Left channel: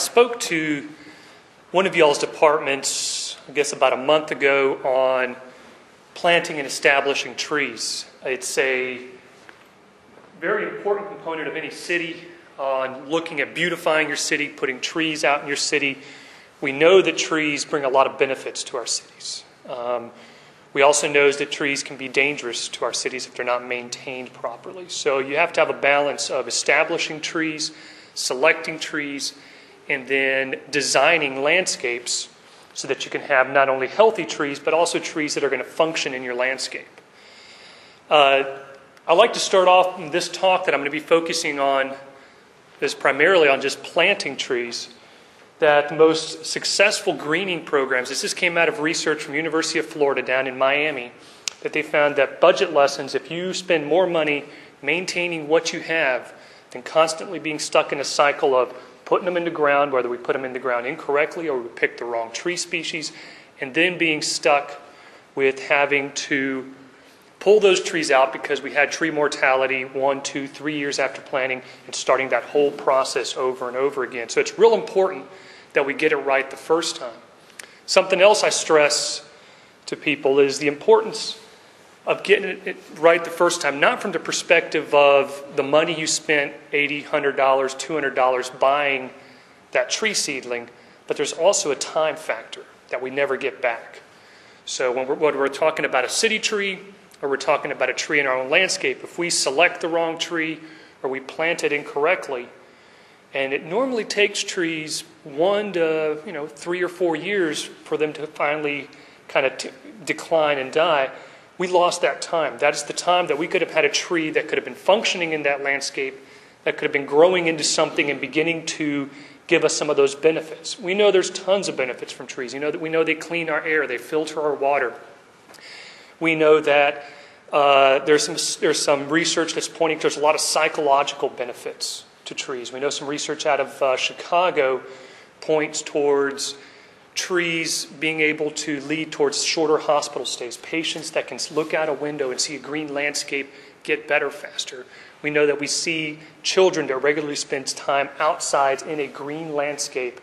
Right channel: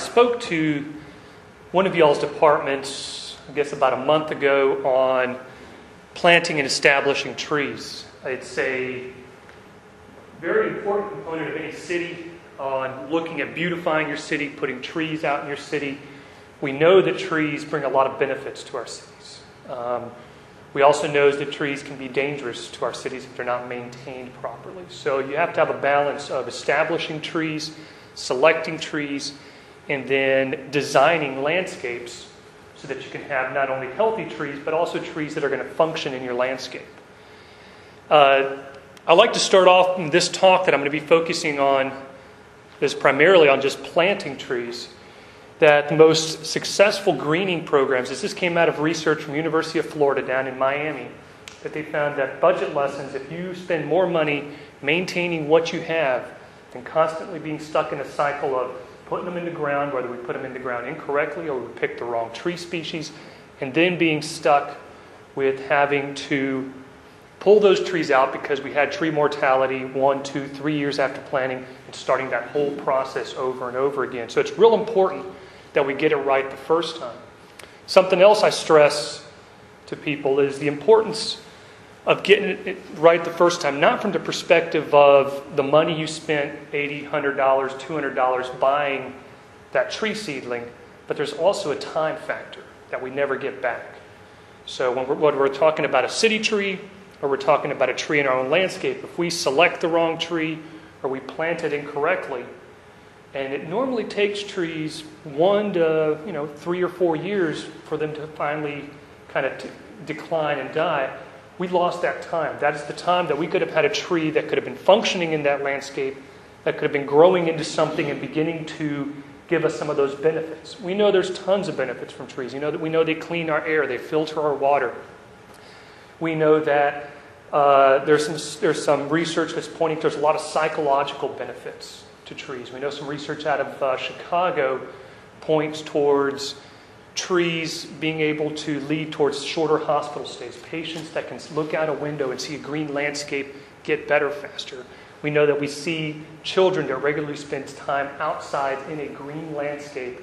spoke to one of y'all's departments, I guess about a month ago, on planting and establishing trees. It's a very important component of any city on looking at beautifying your city, putting trees out in your city. We know that trees bring a lot of benefits to our cities. We also know that trees can be dangerous to our cities if they're not maintained properly. So you have to have a balance of establishing trees, selecting trees, and then designing landscapes so that you can have not only healthy trees, but also trees that are going to function in your landscape. I'd like to start off in this talk that I'm going to be focusing on is primarily on just planting trees. That the most successful greening programs, this came out of research from University of Florida down in Miami, that they found that budget lessons, if you spend more money maintaining what you have than constantly being stuck in a cycle of putting them in the ground, whether we put them in the ground incorrectly or we pick the wrong tree species, and then being stuck with having to pull those trees out because we had tree mortality 1, 2, 3 years after planting and starting that whole process over and over again. So it's real important that we get it right the first time. Something else I stress to people is the importance of getting it right the first time, not from the perspective of the money you spent, $80, $100, $200 buying that tree seedling, but there's also a time factor that we never get back. So when we're talking about a city tree or we're talking about a tree in our own landscape, if we select the wrong tree or we plant it incorrectly, and it normally takes trees 1 to 3 or 4 years for them to finally kind of decline and die. We lost that time. That is the time that we could have had a tree that could have been functioning in that landscape, that could have been growing into something and beginning to give us some of those benefits. We know there's tons of benefits from trees. We know they clean our air, they filter our water. We know that there's some research that's pointing to there's a lot of psychological benefits to trees. We know some research out of Chicago points towards trees being able to lead towards shorter hospital stays. Patients that can look out a window and see a green landscape get better faster. We know that we see children that regularly spend time outside in a green landscape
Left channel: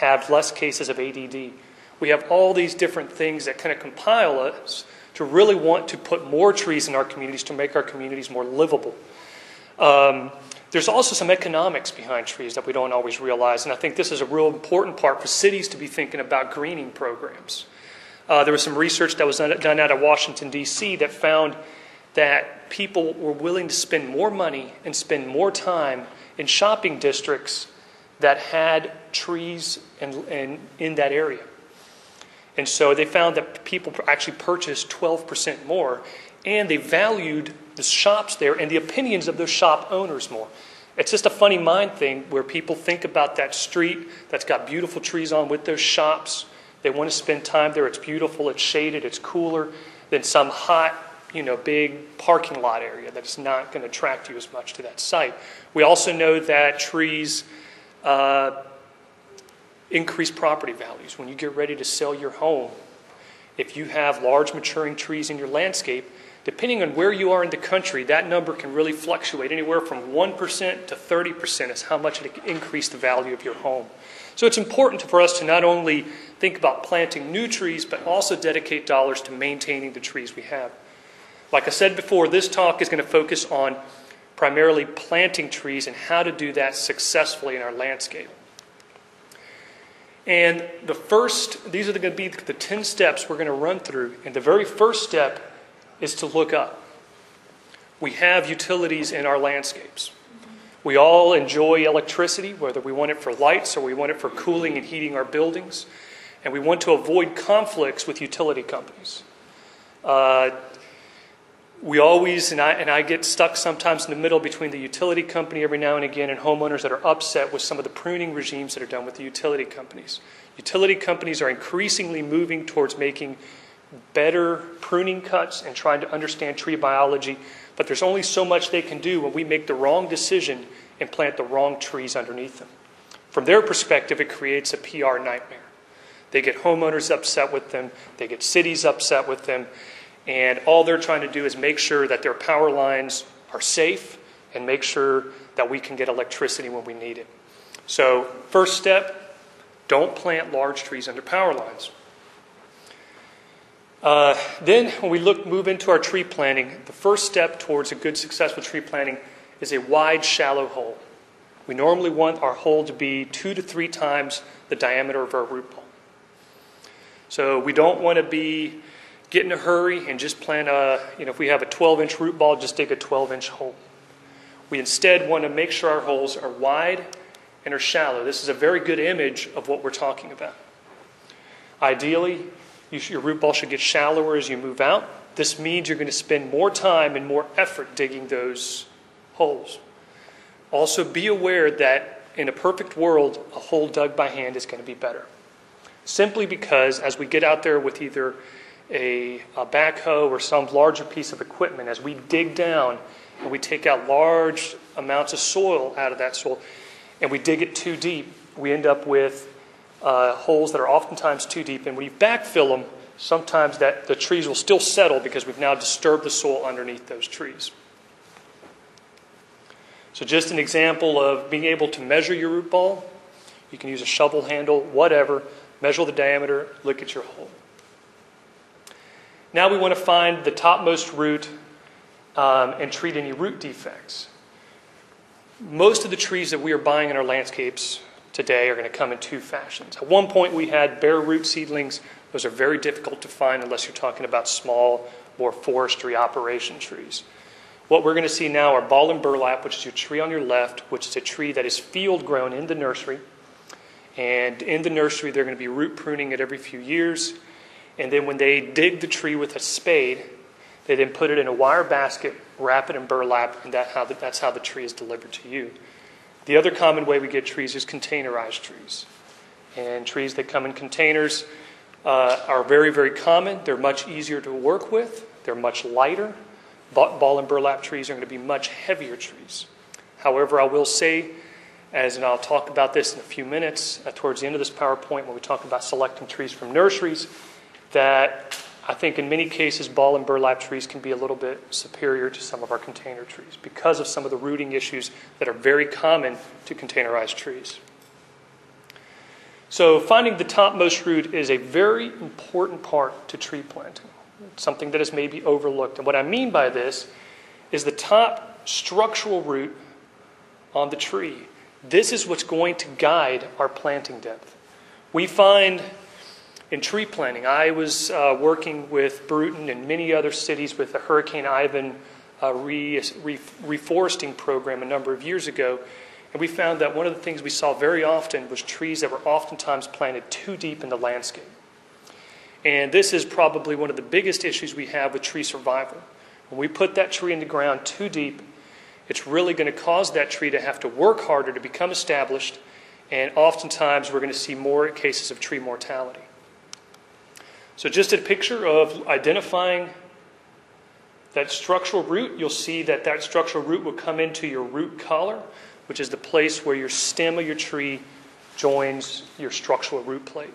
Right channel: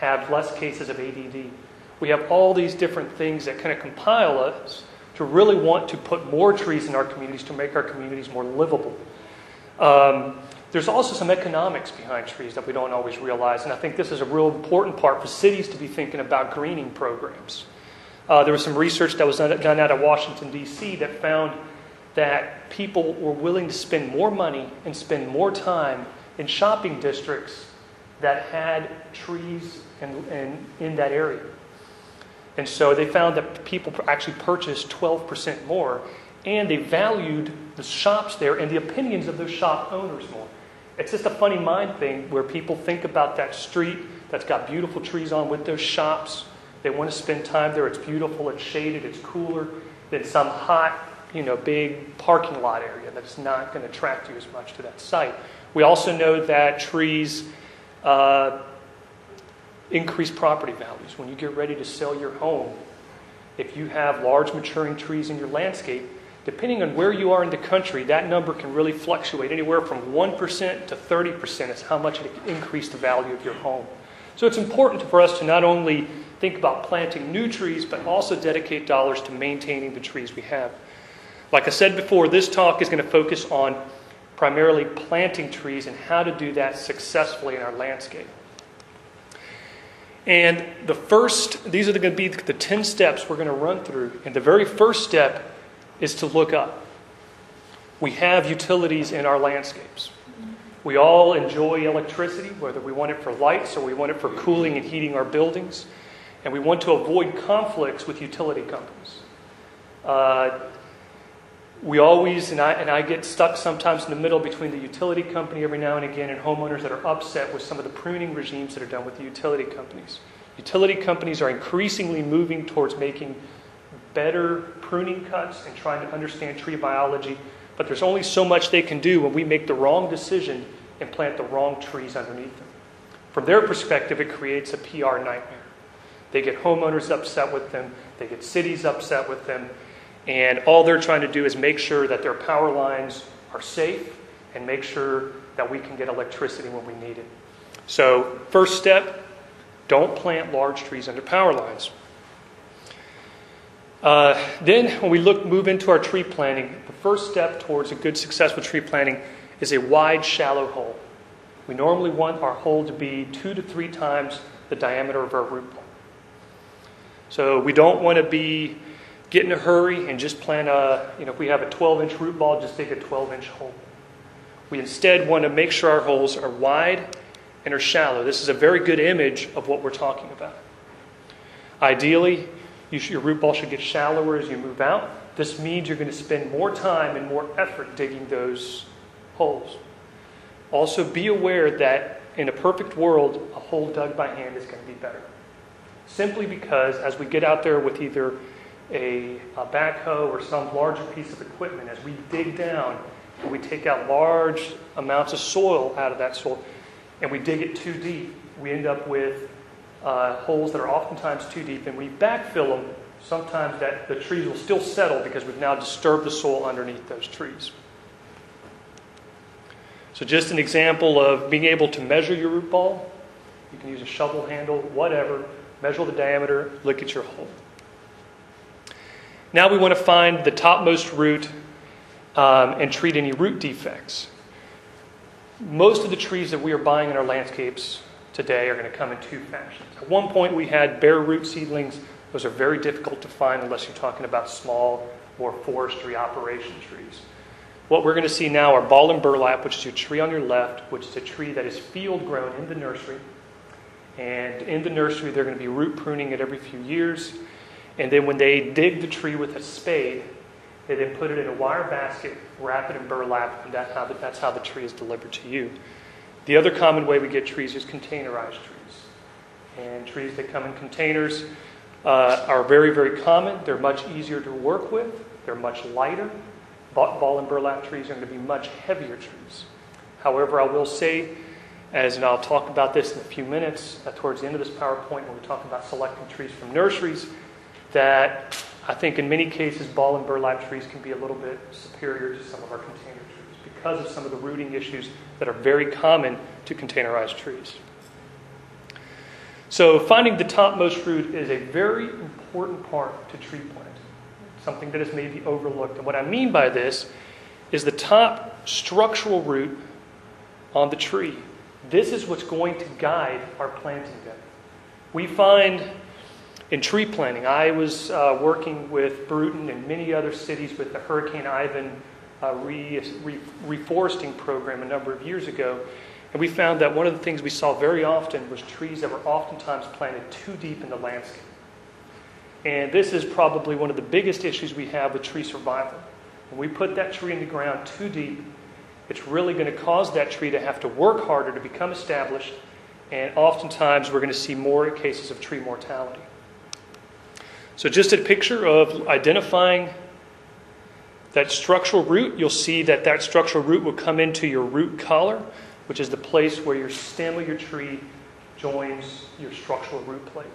have less cases of ADD. We have all these different things that kind of compile us to really want to put more trees in our communities to make our communities more livable. There's also some economics behind trees that we don't always realize, and I think this is a real important part for cities to be thinking about greening programs. There was some research that was done out of Washington, D.C. that found that people were willing to spend more money and spend more time in shopping districts that had trees in that area. And so they found that people actually purchased 12% more, and they valued the shops there and the opinions of those shop owners more. It's just a funny mind thing where people think about that street that's got beautiful trees on with those shops. They want to spend time there. It's beautiful, it's shaded, it's cooler than some hot, big parking lot area that's not going to attract you as much to that site. We also know that trees increase property values. When you get ready to sell your home, if you have large maturing trees in your landscape, depending on where you are in the country, that number can really fluctuate. Anywhere from 1% to 30% is how much it increased the value of your home. So it's important for us to not only think about planting new trees, but also dedicate dollars to maintaining the trees we have. Like I said before, this talk is going to focus on primarily planting trees and how to do that successfully in our landscape. And these are going to be the 10 steps we're going to run through. And the very first step is to look up. We have utilities in our landscapes. We all enjoy electricity, whether we want it for lights or we want it for cooling and heating our buildings. And we want to avoid conflicts with utility companies. We always, and I get stuck sometimes in the middle between the utility company every now and again and homeowners that are upset with some of the pruning regimes that are done with the utility companies. Utility companies are increasingly moving towards making better pruning cuts and trying to understand tree biology, but there's only so much they can do when we make the wrong decision and plant the wrong trees underneath them. From their perspective, it creates a PR nightmare. They get homeowners upset with them, they get cities upset with them, and all they're trying to do is make sure that their power lines are safe and make sure that we can get electricity when we need it. So first step, don't plant large trees under power lines. Then when we move into our tree planting, the first step towards a good successful tree planting is a wide, shallow hole. We normally want our hole to be 2 to 3 times the diameter of our root ball. So we don't want to get in a hurry and just plant if we have a 12-inch root ball, just dig a 12-inch hole. We instead want to make sure our holes are wide and are shallow. This is a very good image of what we're talking about. Ideally, your root ball should get shallower as you move out. This means you're going to spend more time and more effort digging those holes. Also, be aware that in a perfect world, a hole dug by hand is going to be better. Simply because as we get out there with either a backhoe or some larger piece of equipment, as we dig down and we take out large amounts of soil out of that soil and we dig it too deep, we end up with holes that are oftentimes too deep, and we backfill them. Sometimes the trees will still settle because we've now disturbed the soil underneath those trees. So just an example of being able to measure your root ball. You can use a shovel handle, whatever. Measure the diameter, look at your hole. Now we want to find the topmost root and treat any root defects. Most of the trees that we are buying in our landscapes today are going to come in 2 fashions. At one point we had bare root seedlings. Those are very difficult to find unless you're talking about small, more forestry operation trees. What we're going to see now are ball and burlap, which is your tree on your left, which is a tree that is field grown in the nursery. And in the nursery, they're going to be root pruning it every few years. And then when they dig the tree with a spade, they then put it in a wire basket, wrap it in burlap, and that's how the tree is delivered to you. The other common way we get trees is containerized trees. And trees that come in containers are very, very common. They're much easier to work with. They're much lighter. Ball and burlap trees are going to be much heavier trees. However, I will say, and I'll talk about this in a few minutes towards the end of this PowerPoint when we talk about selecting trees from nurseries, that I think in many cases ball and burlap trees can be a little bit superior to some of our container trees because of some of the rooting issues that are very common to containerized trees. So finding the topmost root is a very important part to tree planting, something that is maybe overlooked. And what I mean by this is the top structural root on the tree. This is what's going to guide our planting depth. We find in tree planting, I was working with Bruton and many other cities with the Hurricane Ivan reforesting program a number of years ago, and we found that one of the things we saw very often was trees that were oftentimes planted too deep in the landscape. And this is probably one of the biggest issues we have with tree survival. When we put that tree in the ground too deep, it's really going to cause that tree to have to work harder to become established, and oftentimes we're going to see more cases of tree mortality. So just a picture of identifying that structural root. You'll see that structural root will come into your root collar, which is the place where your stem of your tree joins your structural root plate.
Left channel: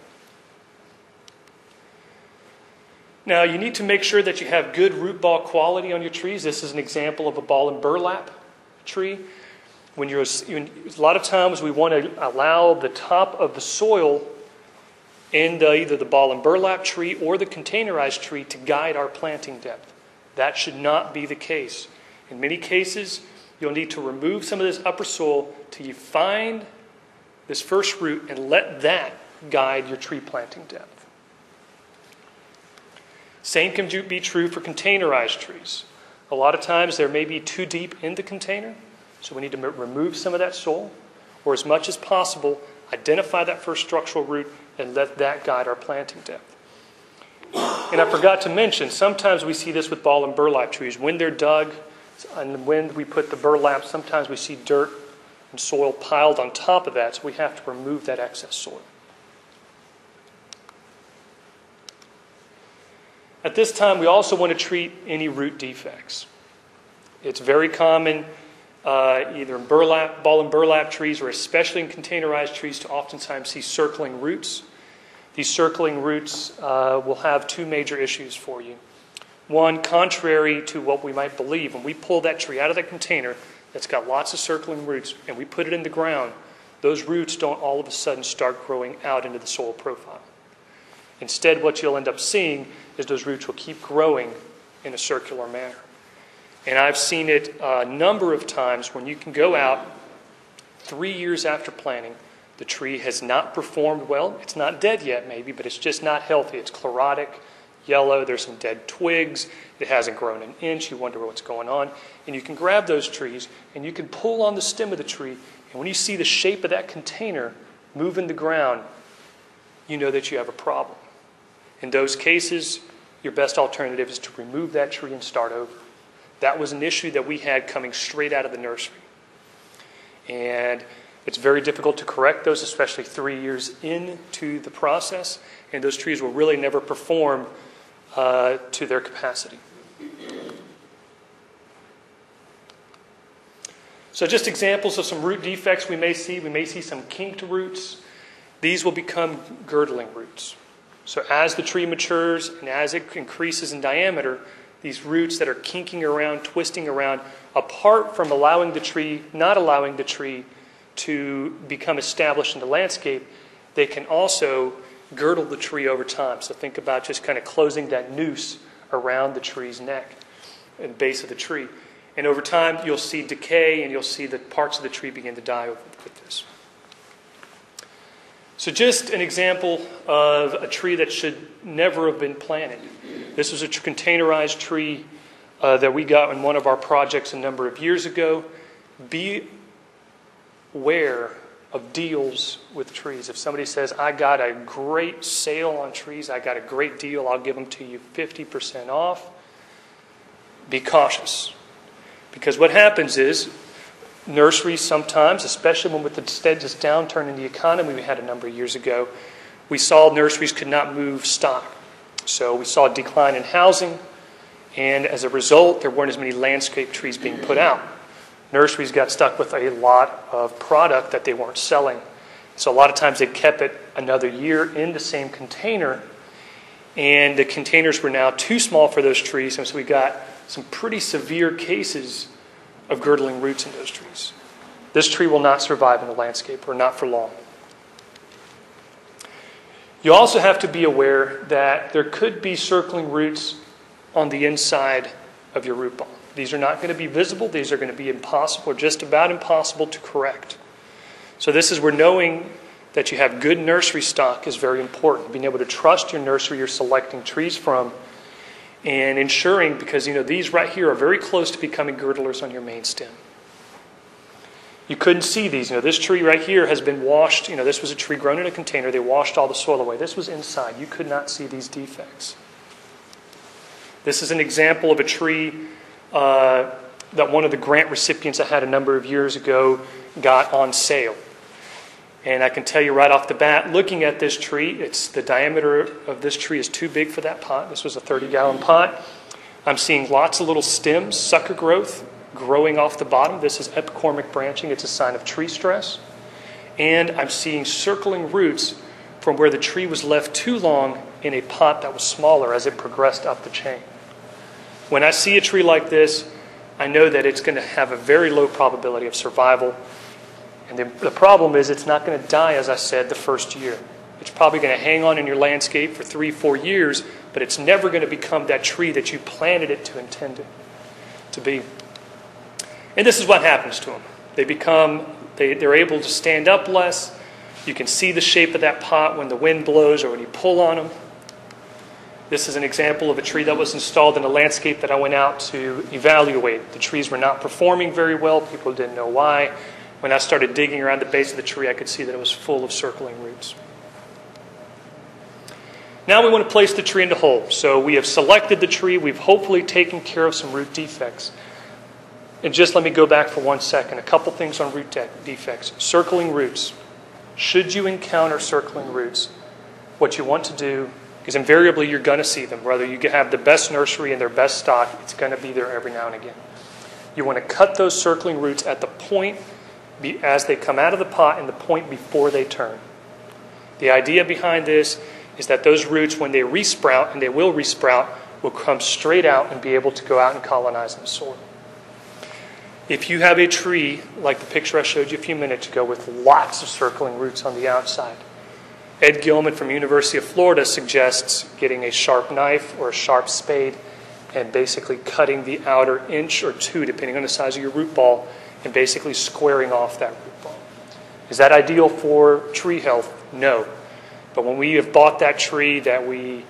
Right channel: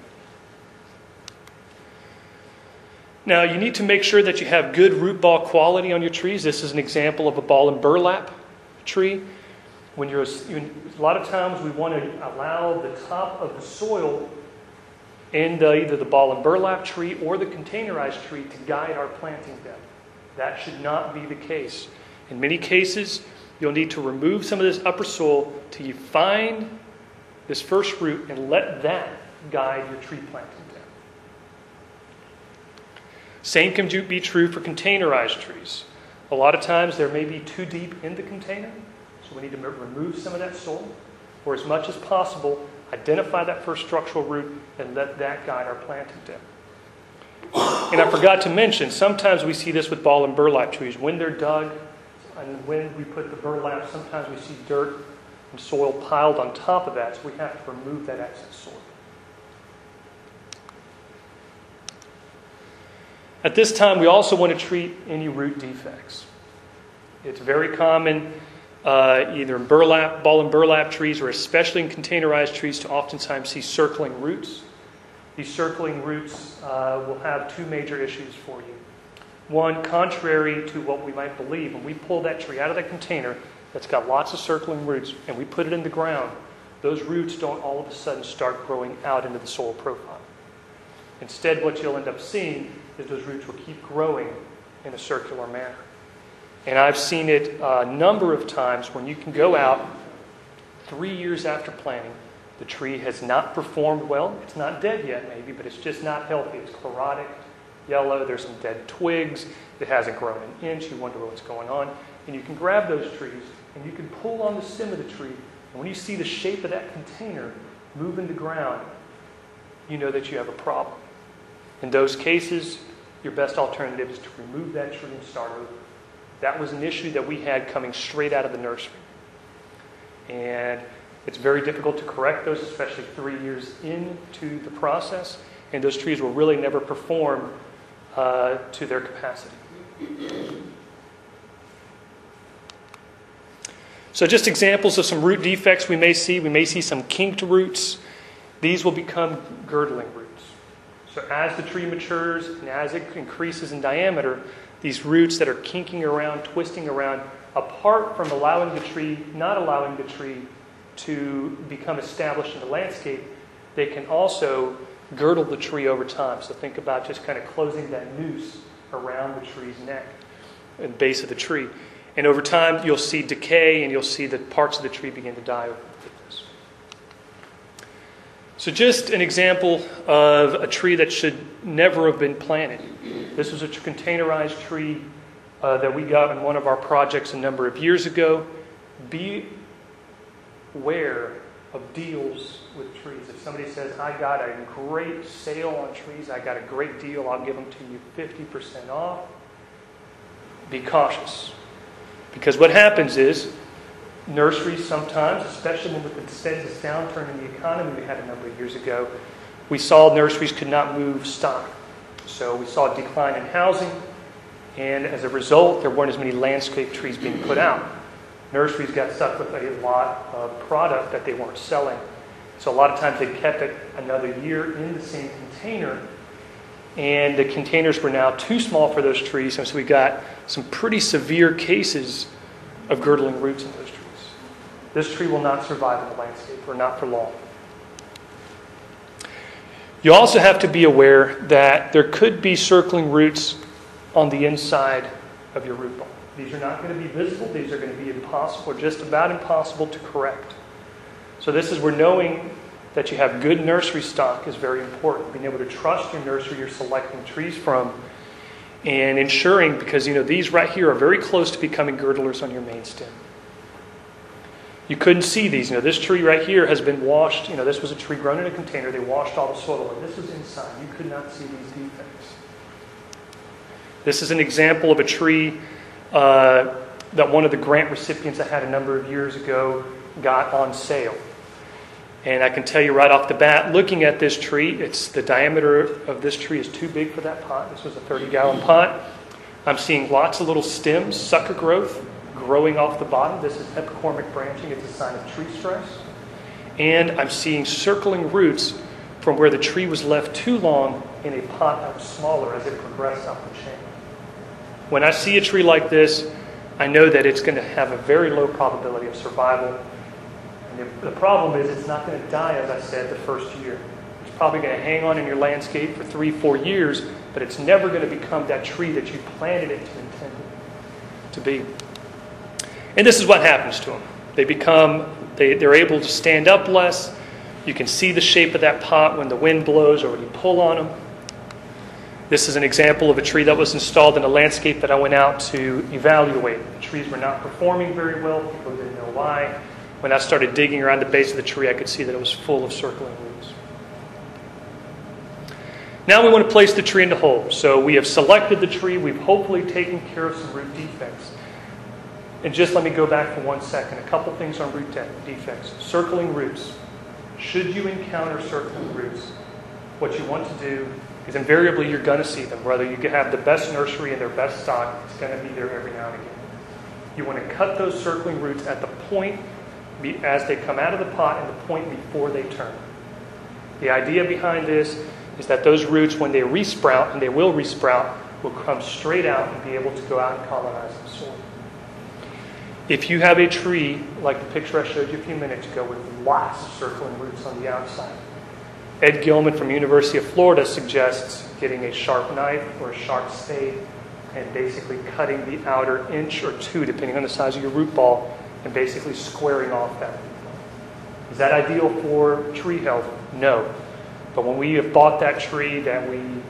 Now, you need to make sure that you have good root ball quality on your trees. This is an example of a ball and burlap tree. A lot of times we want to allow the top of the soil in either the ball and burlap tree or the containerized tree to guide our planting depth. That should not be the case. In many cases, you'll need to remove some of this upper soil till you find this first root and let that guide your tree planting depth. Same can be true for containerized trees. A lot of times they may be too deep in the container, so we need to remove some of that soil, or as much as possible, identify that first structural root and let that guide our planting depth. And I forgot to mention, sometimes we see this with ball and burlap trees. When they're dug and when we put the burlap, sometimes we see dirt and soil piled on top of that, so we have to remove that excess soil. At this time, we also want to treat any root defects. It's very common, either in ball and burlap trees, or especially in containerized trees, to oftentimes see circling roots. These circling roots will have 2 major issues for you. One, contrary to what we might believe, when we pull that tree out of that container that's got lots of circling roots and we put it in the ground, those roots don't all of a sudden start growing out into the soil profile. Instead, what you'll end up seeing is those roots will keep growing in a circular manner. And I've seen it a number of times when you can go out 3 years after planting, the tree has not performed well. It's not dead yet maybe, but it's just not healthy. It's chlorotic, yellow, there's some dead twigs, it hasn't grown an inch, you wonder what's going on. And you can grab those trees and you can pull on the stem of the tree, and when you see the shape of that container move in the ground, you know that you have a problem. In those cases, your best alternative is to remove that tree and start over. That was an issue that we had coming straight out of the nursery. And it's very difficult to correct those, especially 3 years into the process. And those trees will really never perform to their capacity. So just examples of some root defects we may see. We may see some kinked roots. These will become girdling roots. So as the tree matures and as it increases in diameter, these roots that are kinking around, twisting around, apart from allowing the tree, not allowing the tree to become established in the landscape, they can also girdle the tree over time. So think about just kind of closing that noose around the tree's neck and base of the tree. And over time, you'll see decay and you'll see the parts of the tree begin to die with this. So just an example of a tree that should never have been planted. This was a containerized tree that we got in one of our projects a number of years ago. Be aware of deals with trees. If somebody says, I got a great sale on trees, I got a great deal, I'll give them to you 50% off, be cautious. Because what happens is, nurseries sometimes, especially when with the this downturn in the economy we had a number of years ago, we saw nurseries could not move stock. So we saw a decline in housing, and as a result, there weren't as many landscape trees being put out. Nurseries got stuck with a lot of product that they weren't selling. So a lot of times they kept it another year in the same container, and the containers were now too small for those trees, and so we got some pretty severe cases of girdling roots in those trees. This tree will not survive in the landscape, or not for long. You also have to be aware that there could be circling roots on the inside of your root ball. These are not going to be visible. These are going to be impossible, or just about impossible to correct. So this is where knowing that you have good nursery stock is very important. Being able to trust your nursery you're selecting trees from, and ensuring, because these right here are very close to becoming girdlers on your main stem. You couldn't see these. This tree right here has been washed. This was a tree grown in a container. They washed all the soil away. This was inside. You could not see these defects. This is an example of a tree that one of the grant recipients I had a number of years ago got on sale. And I can tell you right off the bat, looking at this tree, the diameter of this tree is too big for that pot. This was a 30-gallon pot. I'm seeing lots of little stems, sucker growth, growing off the bottom. This is epicormic branching. It's a sign of tree stress. And I'm seeing circling roots from where the tree was left too long in a pot that was smaller as it progressed up the chain. When I see a tree like this, I know that it's going to have a very low probability of survival. And the problem is it's not going to die, as I said, the first year. It's probably going to hang on in your landscape for 3-4 years, but it's never going to become that tree that you planted it to intend it to be. And this is what happens to them. They're able to stand up less. You can see the shape of that pot when the wind blows or when you pull on them. This is an example of a tree that was installed in a landscape that I went out to evaluate. The trees were not performing very well. People didn't know why. When I started digging around the base of the tree, I could see that it was full of circling roots. Now we want to place the tree into hole. So we have selected the tree. We've hopefully taken care of some root defects. And just let me go back for 1 second. A couple things on root defects. Circling roots. Should you encounter circling roots, what you want to do is invariably you're going to see them. Whether you have the best nursery and their best stock, it's going to be there every now and again. You want to cut those circling roots at the point as they come out of the pot and the point before they turn. The idea behind this is that those roots, when they resprout, and they will resprout, will come straight out and be able to go out and colonize the soil. If you have a tree, like the picture I showed you a few minutes ago, with lots of circling roots on the outside, Ed Gilman from University of Florida suggests getting a sharp knife or a sharp spade and basically cutting the outer inch or two, depending on the size of your root ball, and basically squaring off that root ball. Is that ideal for tree health? No. But when we have bought that tree that we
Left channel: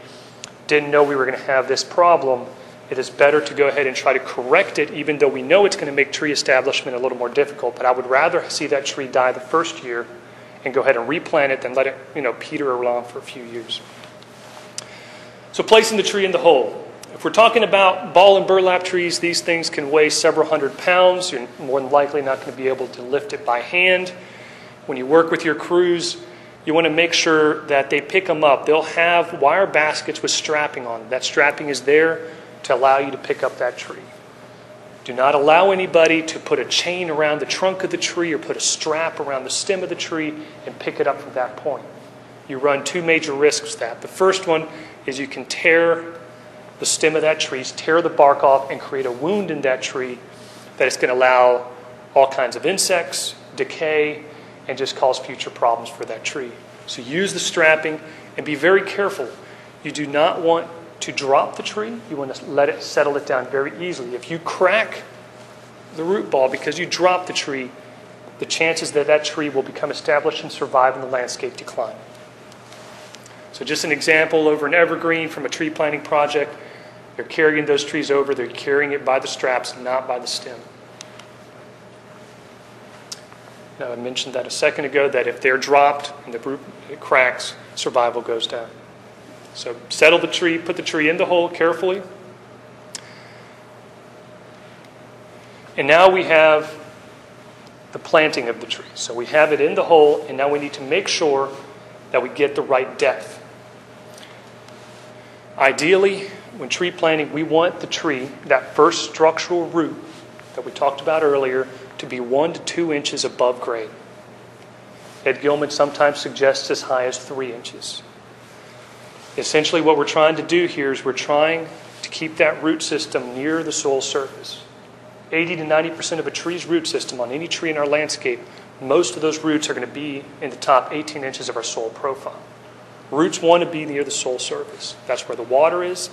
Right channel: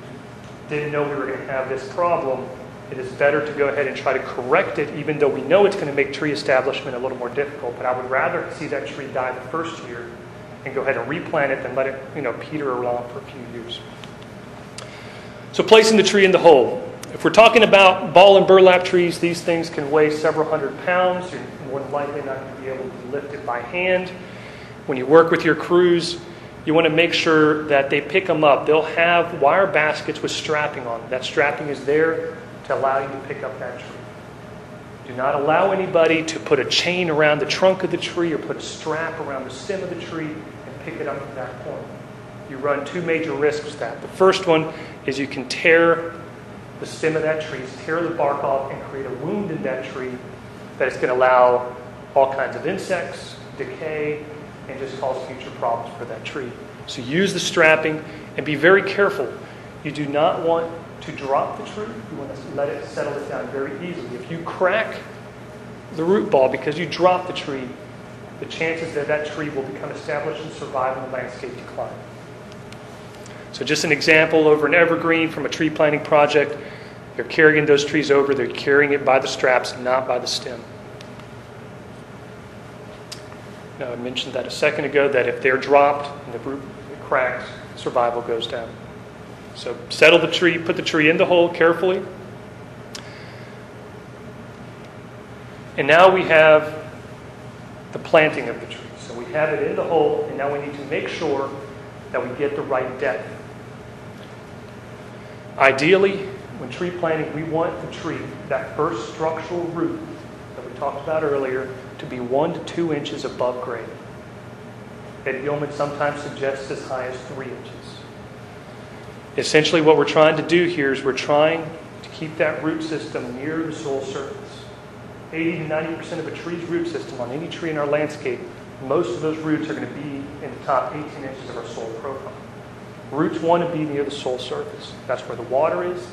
didn't know we were going to have this problem, it is better to go ahead and try to correct it, even though we know it's going to make tree establishment a little more difficult. But I would rather see that tree die the first year and go ahead and replant it than let it, peter around for a few years. So placing the tree in the hole. If we're talking about ball and burlap trees, these things can weigh several hundred pounds. You're more than likely not going to be able to lift it by hand. When you work with your crews, you want to make sure that they pick them up. They'll have wire baskets with strapping on them. That strapping is there to allow you to pick up that tree. Do not allow anybody to put a chain around the trunk of the tree or put a strap around the stem of the tree and pick it up from that point. You run two major risks with that. The first one is you can tear the stem of that tree, tear the bark off, and create a wound in that tree that is going to allow all kinds of insects, decay, and just cause future problems for that tree. So use the strapping and be very careful. You do not want to drop the tree. You want to let it settle it down very easily. If you crack the root ball because you drop the tree, the chances that that tree will become established and survive in the landscape decline. So just an example over an evergreen from a tree planting project. They're carrying those trees over. They're carrying it by the straps, not by the stem. Now, I mentioned that a second ago, that if they're dropped and the root cracks, survival goes down. So settle the tree, put the tree in the hole carefully. And now we have the planting of the tree. So we have it in the hole, and now we need to make sure that we get the right depth. Ideally, when tree planting, we want the tree, that first structural root that we talked about earlier, to be 1 to 2 inches above grade. Ed Gilman sometimes suggests as high as 3 inches. Essentially what we're trying to do here is we're trying to keep that root system near the soil surface. 80 to 90% of a tree's root system on any tree in our landscape, most of those roots are going to be in the top 18 inches of our soil profile. Roots want to be near the soil surface. That's where the water is,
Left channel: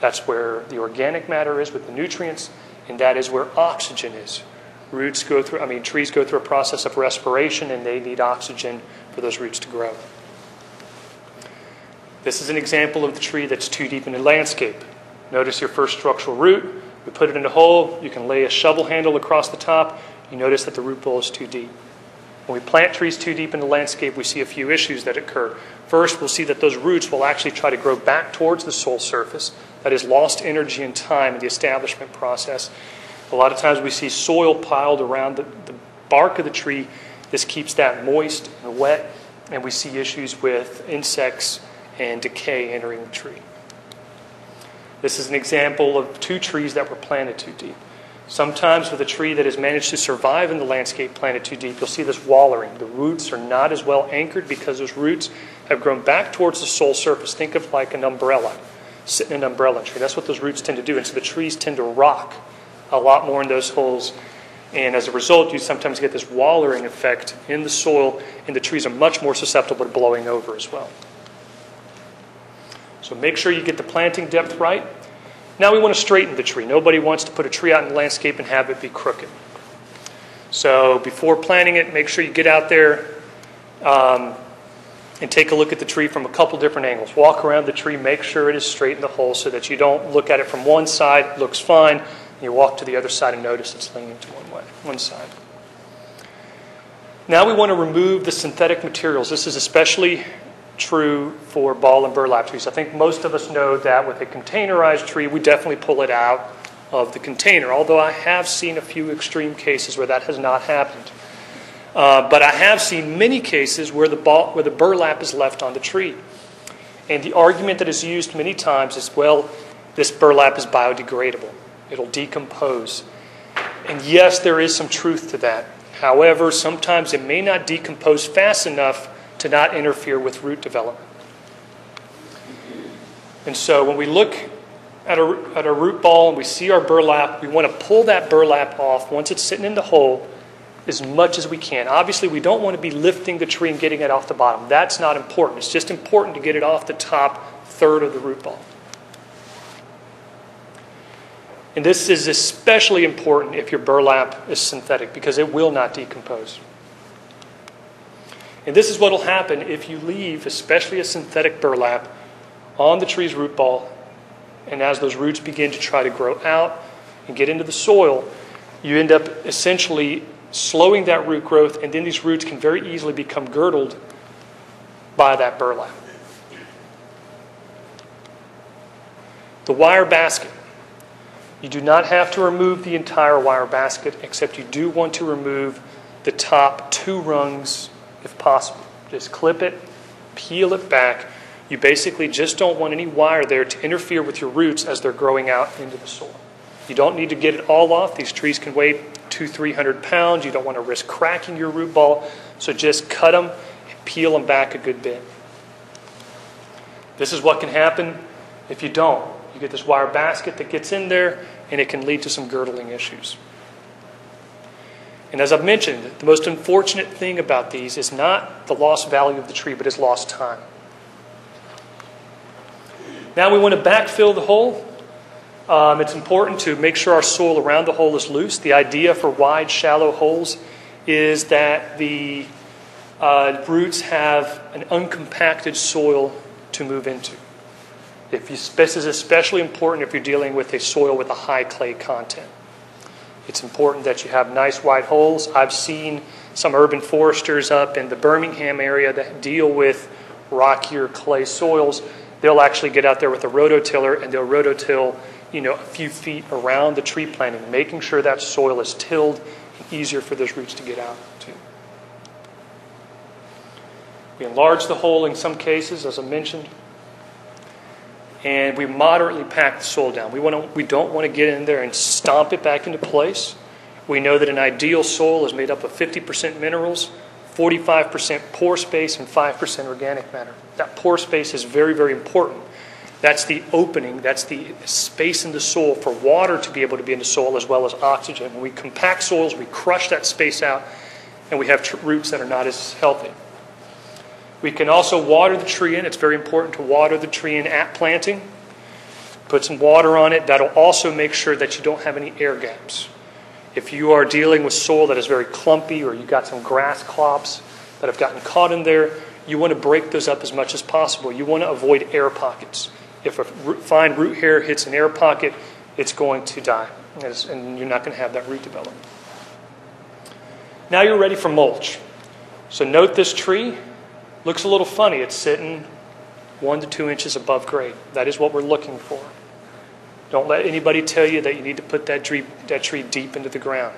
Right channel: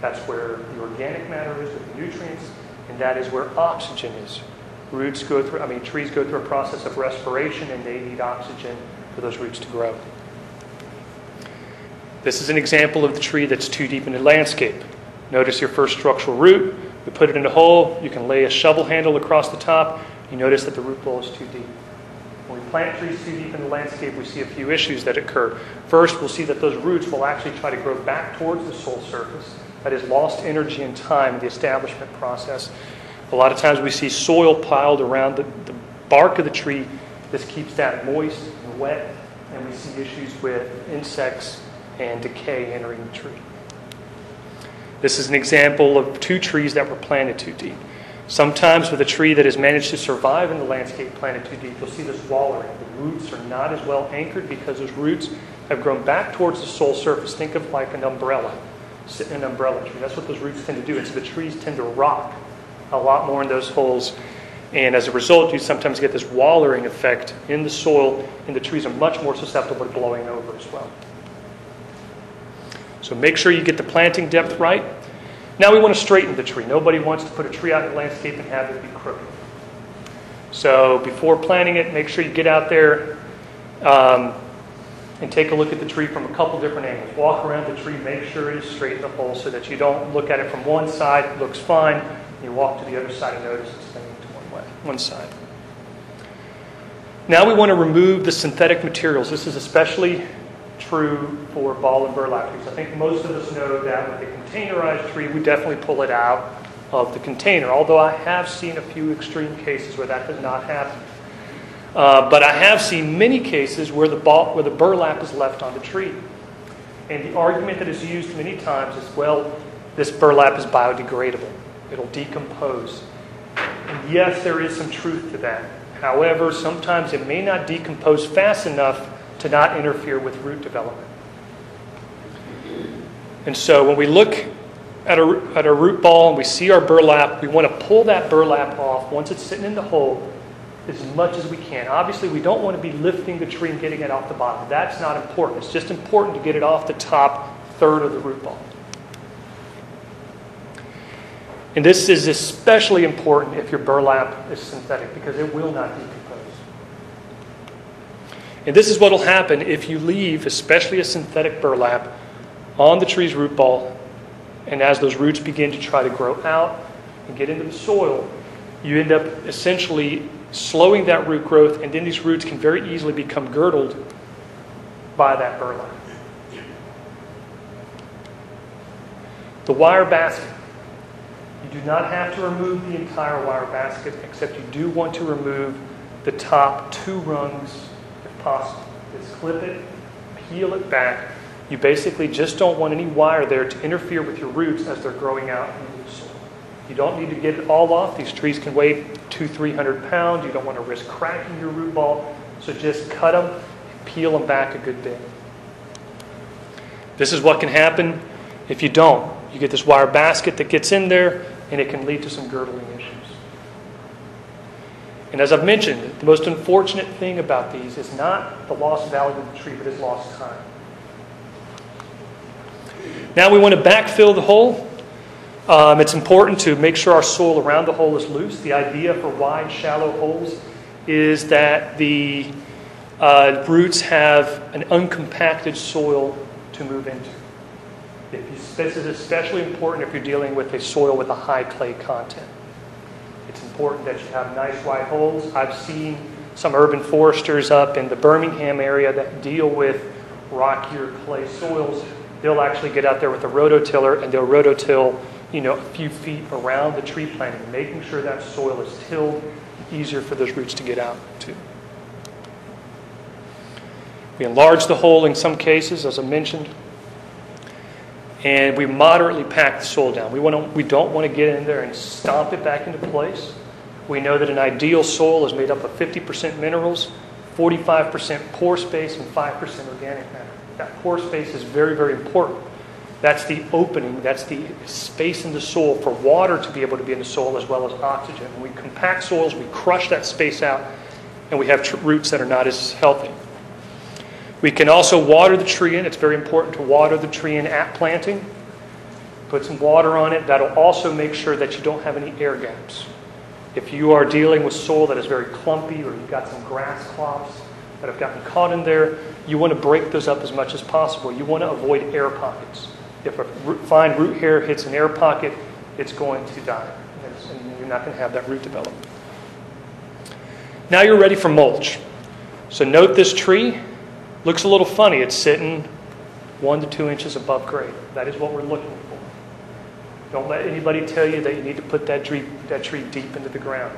that's where the organic matter is with the nutrients, and that is where oxygen is. Trees go through a process of respiration, and they need oxygen for those roots to grow. This is an example of the tree that's too deep in the landscape. Notice your first structural root. We put it in a hole. You can lay a shovel handle across the top. You notice that the root ball is too deep. When we plant trees too deep in the landscape, we see a few issues that occur. First, we'll see that those roots will actually try to grow back towards the soil surface. That is lost energy and time in the establishment process. A lot of times we see soil piled around the bark of the tree. This keeps that moist and wet, and we see issues with insects and decay entering the tree. This is an example of 2 trees that were planted too deep. Sometimes with a tree that has managed to survive in the landscape planted too deep, you'll see this wallering. The roots are not as well anchored because those roots have grown back towards the soil surface. Think of like an umbrella, sitting in an umbrella tree. That's what those roots tend to do. And so the trees tend to rock a lot more in those holes. And as a result, you sometimes get this wallering effect in the soil, and the trees are much more susceptible to blowing over as well. So make sure you get the planting depth right. Now we want to straighten the tree. Nobody wants to put a tree out in the landscape and have it be crooked. So before planting it, make sure you get out there and take a look at the tree from a couple different angles. Walk around the tree, make sure it is straight in the hole so that you don't look at it from one side, it looks fine, and you walk to the other side and notice it's leaning toward that one side. Now we want to remove the synthetic materials. This is especially true for ball and burlap trees. I think most of us know that with a containerized tree, we definitely pull it out of the container, although I have seen a few extreme cases where that has not happened. But I have seen many cases where the burlap is left on the tree. And the argument that is used many times is, well, this burlap is biodegradable. It'll decompose. And yes, there is some truth to that. However, sometimes it may not decompose fast enough to not interfere with root development. And so when we look at a root ball and we see our burlap, we want to pull that burlap off once it's sitting in the hole as much as we can. Obviously, we don't want to be lifting the tree and getting it off the bottom. That's not important. It's just important to get it off the top third of the root ball. And this is especially important if your burlap is synthetic because it will not decompose. And this is what will happen if you leave, especially a synthetic burlap, on the tree's root ball. And as those roots begin to try to grow out and get into the soil, you end up essentially slowing that root growth, and then these roots can very easily become girdled by that burlap. The wire basket. You do not have to remove the entire wire basket, except you do want to remove the top 2 rungs if possible. Just clip it, peel it back. You basically just don't want any wire there to interfere with your roots as they're growing out into the soil. You don't need to get it all off. These trees can weigh 200-300 pounds. You don't want to risk cracking your root ball, so just cut them and peel them back a good bit. This is what can happen if you don't. You get this wire basket that gets in there, and it can lead to some girdling issues. And as I've mentioned, the most unfortunate thing about these is not the lost value of the tree, but it's lost time. Now we want to backfill the hole. It's important to make sure our soil around the hole is loose. The idea for wide, shallow holes is that the roots have an uncompacted soil to move into. This is especially important if you're dealing with a soil with a high clay content. It's important that you have nice wide holes. I've seen some urban foresters up in the Birmingham area that deal with rockier clay soils. They'll actually get out there with a rototiller and they'll rototill, a few feet around the tree planting, making sure that soil is tilled and easier for those roots to get out to. We enlarge the hole in some cases, as I mentioned, and we moderately pack the soil down. We don't want to get in there and stomp it back into place. We know that an ideal soil is made up of 50% minerals, 45% pore space, and 5% organic matter. That pore space is very, very important. That's the opening, that's the space in the soil for water to be able to be in the soil as well as oxygen. When we compact soils, we crush that space out, and we have roots that are not as healthy. We can also water the tree in. It's very important to water the tree in at planting. Put some water on it. That'll also make sure that you don't have any air gaps. If you are dealing with soil that is very clumpy or you've got some grass clops that have gotten caught in there, you want to break those up as much as possible. You want to avoid air pockets. If a fine root hair hits an air pocket, it's going to die, and you're not going to have that root develop. Now you're ready for mulch. So note this tree. Looks a little funny. It's sitting 1 to 2 inches above grade. That is what we're looking for. Don't let anybody tell you that you need to put that tree deep into the ground.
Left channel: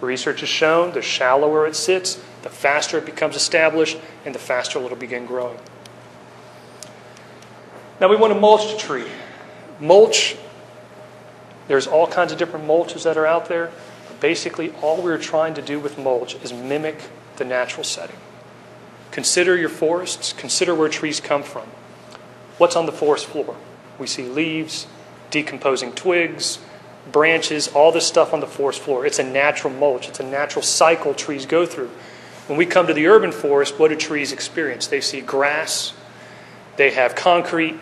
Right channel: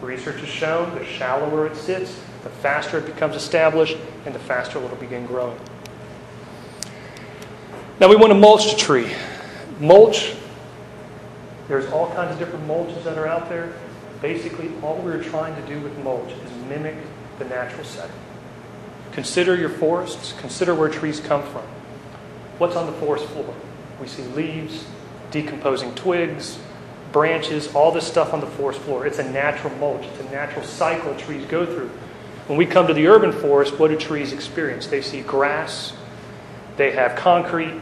Research has shown the shallower it sits, the faster it becomes established, and the faster it'll begin growing. Now we want to mulch the tree. Mulch, there's all kinds of different mulches that are out there. Basically, all we're trying to do with mulch is mimic the natural setting. Consider your forests. Consider where trees come from. What's on the forest floor? We see leaves, decomposing twigs, branches, all this stuff on the forest floor. It's a natural mulch. It's a natural cycle trees go through. When we come to the urban forest, what do trees experience? They see grass, they have concrete,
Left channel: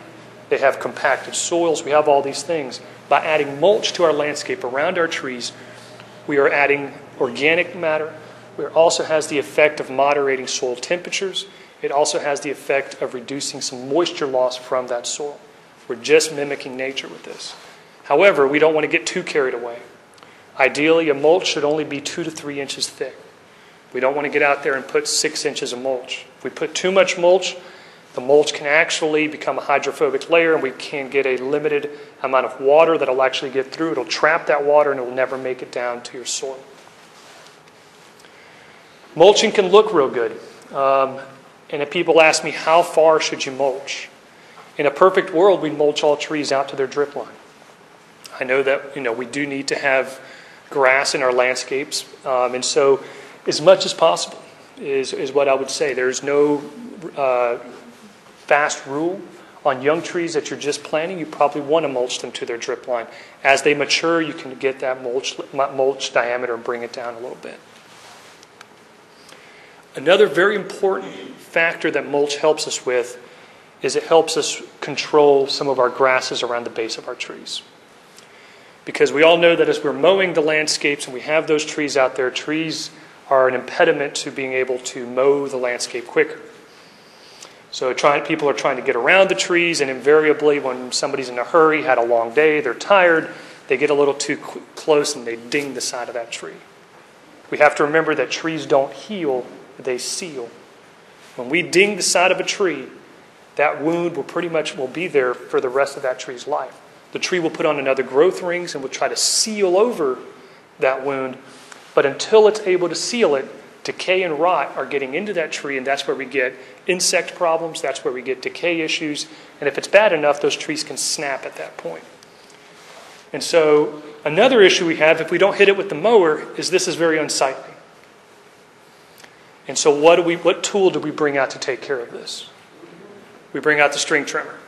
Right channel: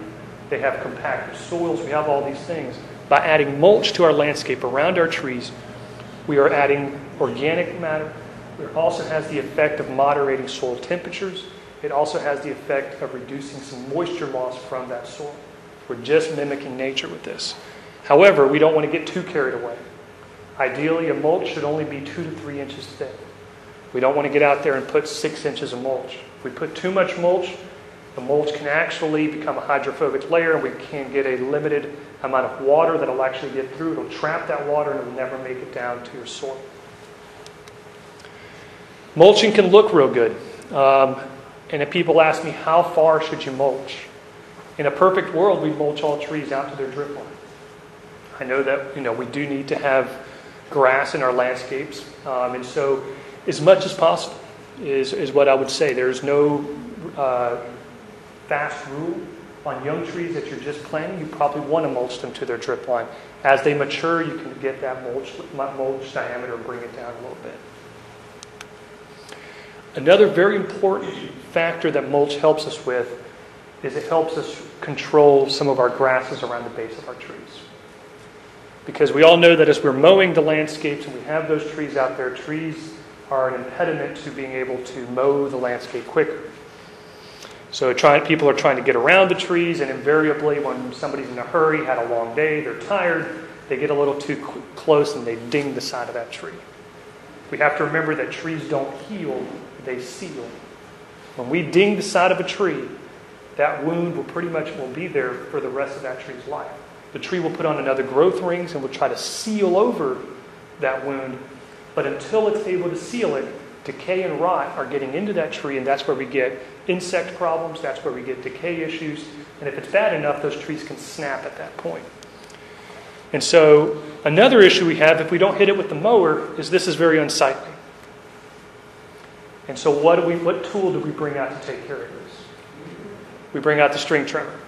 they have compacted soils. We have all these things. By adding mulch to our landscape around our trees, we are adding organic matter. It also has the effect of moderating soil temperatures. It also has the effect of reducing some moisture loss from that soil. We're just mimicking nature with this. However, we don't want to get too carried away. Ideally, a mulch should only be 2 to 3 inches thick. We don't want to get out there and put 6 inches of mulch. If we put too much mulch, the mulch can actually become a hydrophobic layer, and we can get a limited amount of water that will actually get through. It'll trap that water, and it will never make it down to your soil. Mulching can look real good. And if people ask me, how far should you mulch? In a perfect world, we mulch all trees out to their drip line. I know that we do need to have grass in our landscapes. And so as much as possible is what I would say. There's no fast rule. On young trees that you're just planting, you probably want to mulch them to their drip line. As they mature, you can get that mulch diameter and bring it down a little bit. Another very important factor that mulch helps us with is it helps us control some of our grasses around the base of our trees. Because we all know that as we're mowing the landscapes and we have those trees out there, trees are an impediment to being able to mow the landscape quicker. So people are trying to get around the trees, and invariably when somebody's in a hurry, had a long day, they're tired, they get a little too close and they ding the side of that tree. We have to remember that trees don't heal, they seal. When we ding the side of a tree, that wound will be there for the rest of that tree's life. The tree will put on another growth rings and will try to seal over that wound, but until it's able to seal it, decay and rot are getting into that tree, and that's where we get insect problems, that's where we get decay issues, and if it's bad enough, those trees can snap at that point. And so another issue we have, if we don't hit it with the mower, is this is very unsightly. And so what tool do we bring out to take care of this? We bring out the string trimmer.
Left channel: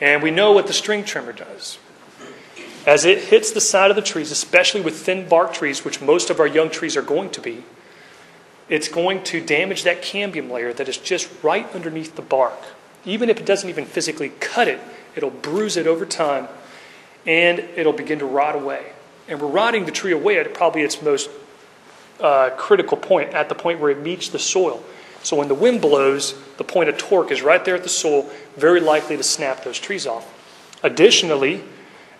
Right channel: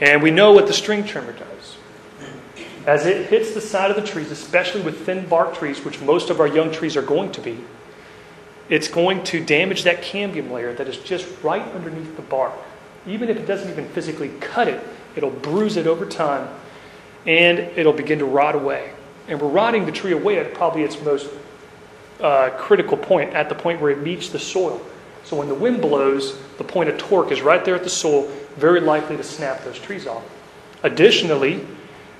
And we know what the string trimmer does. As it hits the side of the trees, especially with thin bark trees, which most of our young trees are going to be, it's going to damage that cambium layer that is just right underneath the bark. Even if it doesn't even physically cut it, it'll bruise it over time, and it'll begin to rot away. And we're rotting the tree away at probably its most critical point, at the point where it meets the soil. So when the wind blows, the point of torque is right there at the soil, very likely to snap those trees off. Additionally,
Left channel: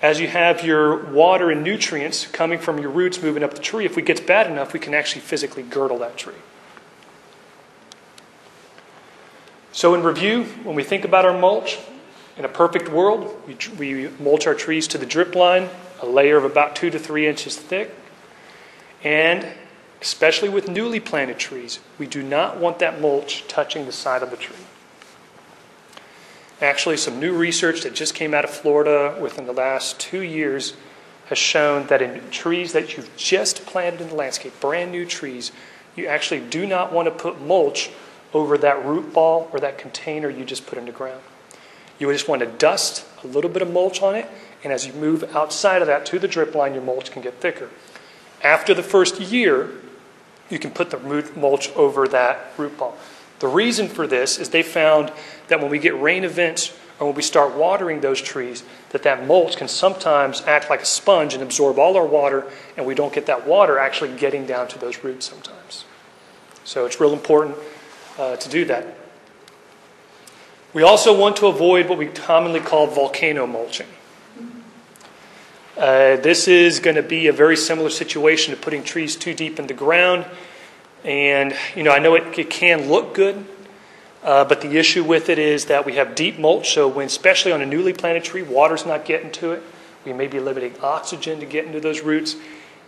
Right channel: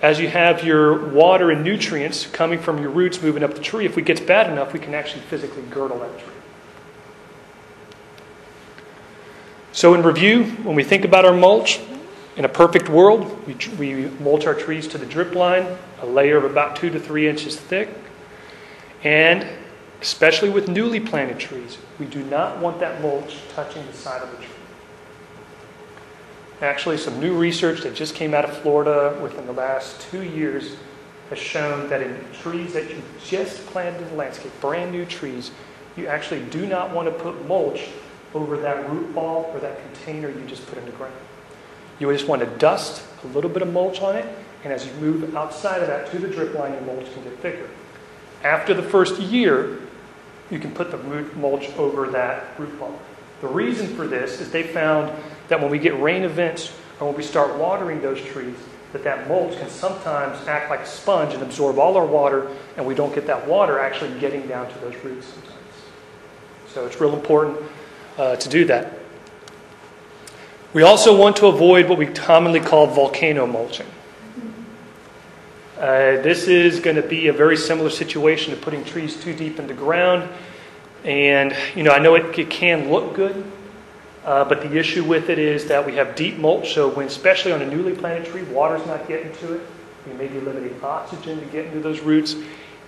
as you have your water and nutrients coming from your roots moving up the tree, if it gets bad enough, we can actually physically girdle that tree. So in review, when we think about our mulch, in a perfect world, we mulch our trees to the drip line, a layer of about 2 to 3 inches thick. And especially with newly planted trees, we do not want that mulch touching the side of the tree. Actually, some new research that just came out of Florida within the last 2 years has shown that in trees that you've just planted in the landscape, brand new trees, you actually do not want to put mulch over that root ball or that container you just put in the ground. You just want to dust a little bit of mulch on it, and as you move outside of that to the drip line, your mulch can get thicker. After the first year, you can put the root mulch over that root ball. The reason for this is they found that when we get rain events or when we start watering those trees, that mulch can sometimes act like a sponge and absorb all our water, and we don't get that water actually getting down to those roots sometimes. So it's real important to do that. We also want to avoid what we commonly call volcano mulching. This is going to be a very similar situation to putting trees too deep in the ground. And, I know it can look good, but the issue with it is that we have deep mulch, so especially on a newly planted tree, water's not getting to it. We may be limiting oxygen to get into those roots,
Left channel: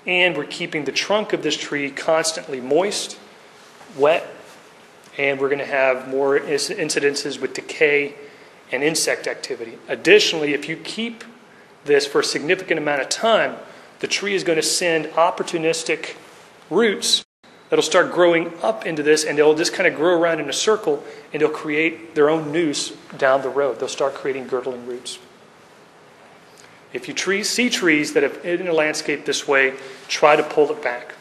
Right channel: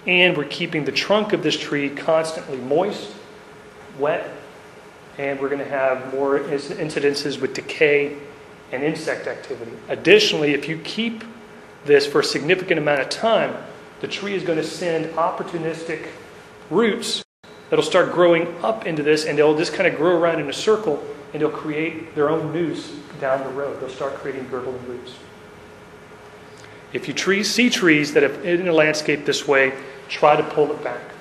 and we're keeping the trunk of this tree constantly moist, wet, and we're going to have more incidences with decay and insect activity. Additionally, if you keep this for a significant amount of time, the tree is going to send opportunistic roots that'll start growing up into this, and they'll just kind of grow around in a circle, and they'll create their own noose down the road. They'll start creating girdling roots. If you see trees that have in a landscape this way, try to pull it back.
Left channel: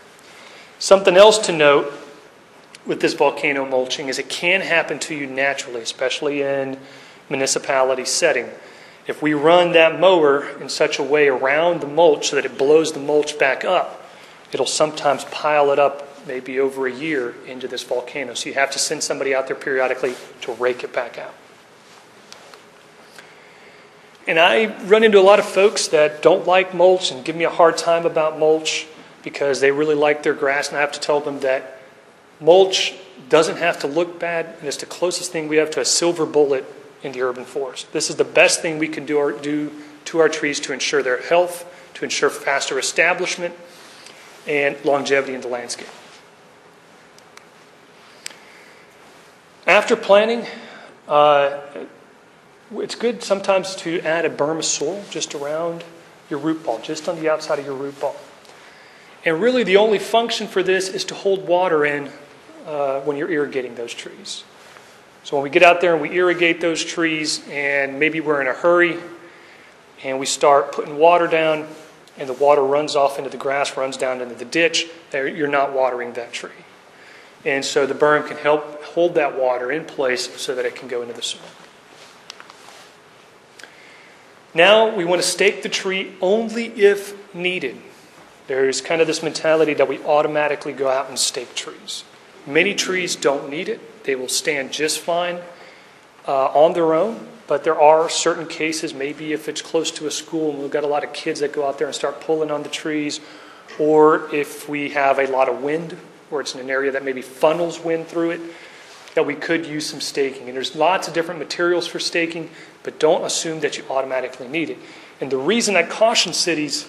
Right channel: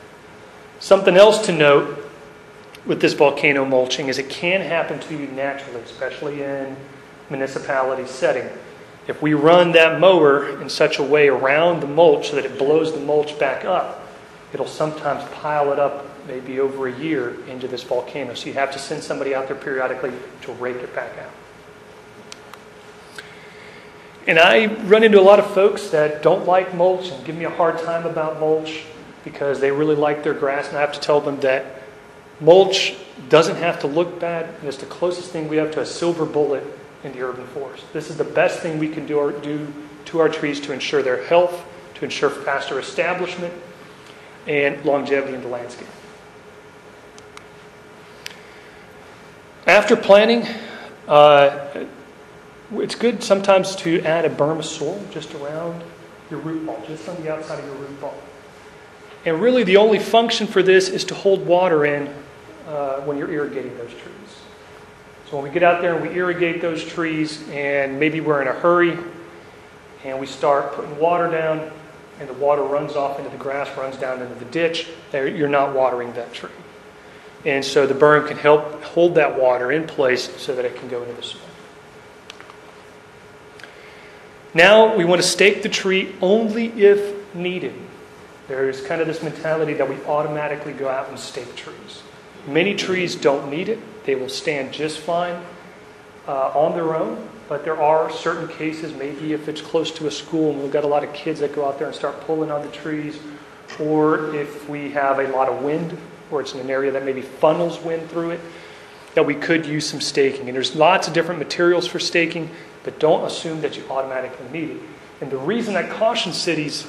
Something else to note with this volcano mulching is it can happen to you naturally, especially in municipality setting. If we run that mower in such a way around the mulch so that it blows the mulch back up, it'll sometimes pile it up maybe over a year into this volcano. So you have to send somebody out there periodically to rake it back out. And I run into a lot of folks that don't like mulch and give me a hard time about mulch because they really like their grass, and I have to tell them that mulch doesn't have to look bad, and it's the closest thing we have to a silver bullet in the urban forest. This is the best thing we can do to our trees to ensure their health, to ensure faster establishment, and longevity in the landscape. After planting, it's good sometimes to add a Burma soil just around your root ball, just on the outside of your root ball. And really the only function for this is to hold water in when you're irrigating those trees. So when we get out there and we irrigate those trees, and maybe we're in a hurry, and we start putting water down, and the water runs off into the grass, runs down into the ditch, you're not watering that tree. And so the berm can help hold that water in place so that it can go into the soil. Now we want to stake the tree only if needed. There's kind of this mentality that we automatically go out and stake trees. Many trees don't need it. They will stand just fine on their own. But there are certain cases, maybe if it's close to a school and we've got a lot of kids that go out there and start pulling on the trees, or if we have a lot of wind, or it's in an area that maybe funnels wind through it, that we could use some staking. And there's lots of different materials for staking, but don't assume that you automatically need it. And the reason I caution cities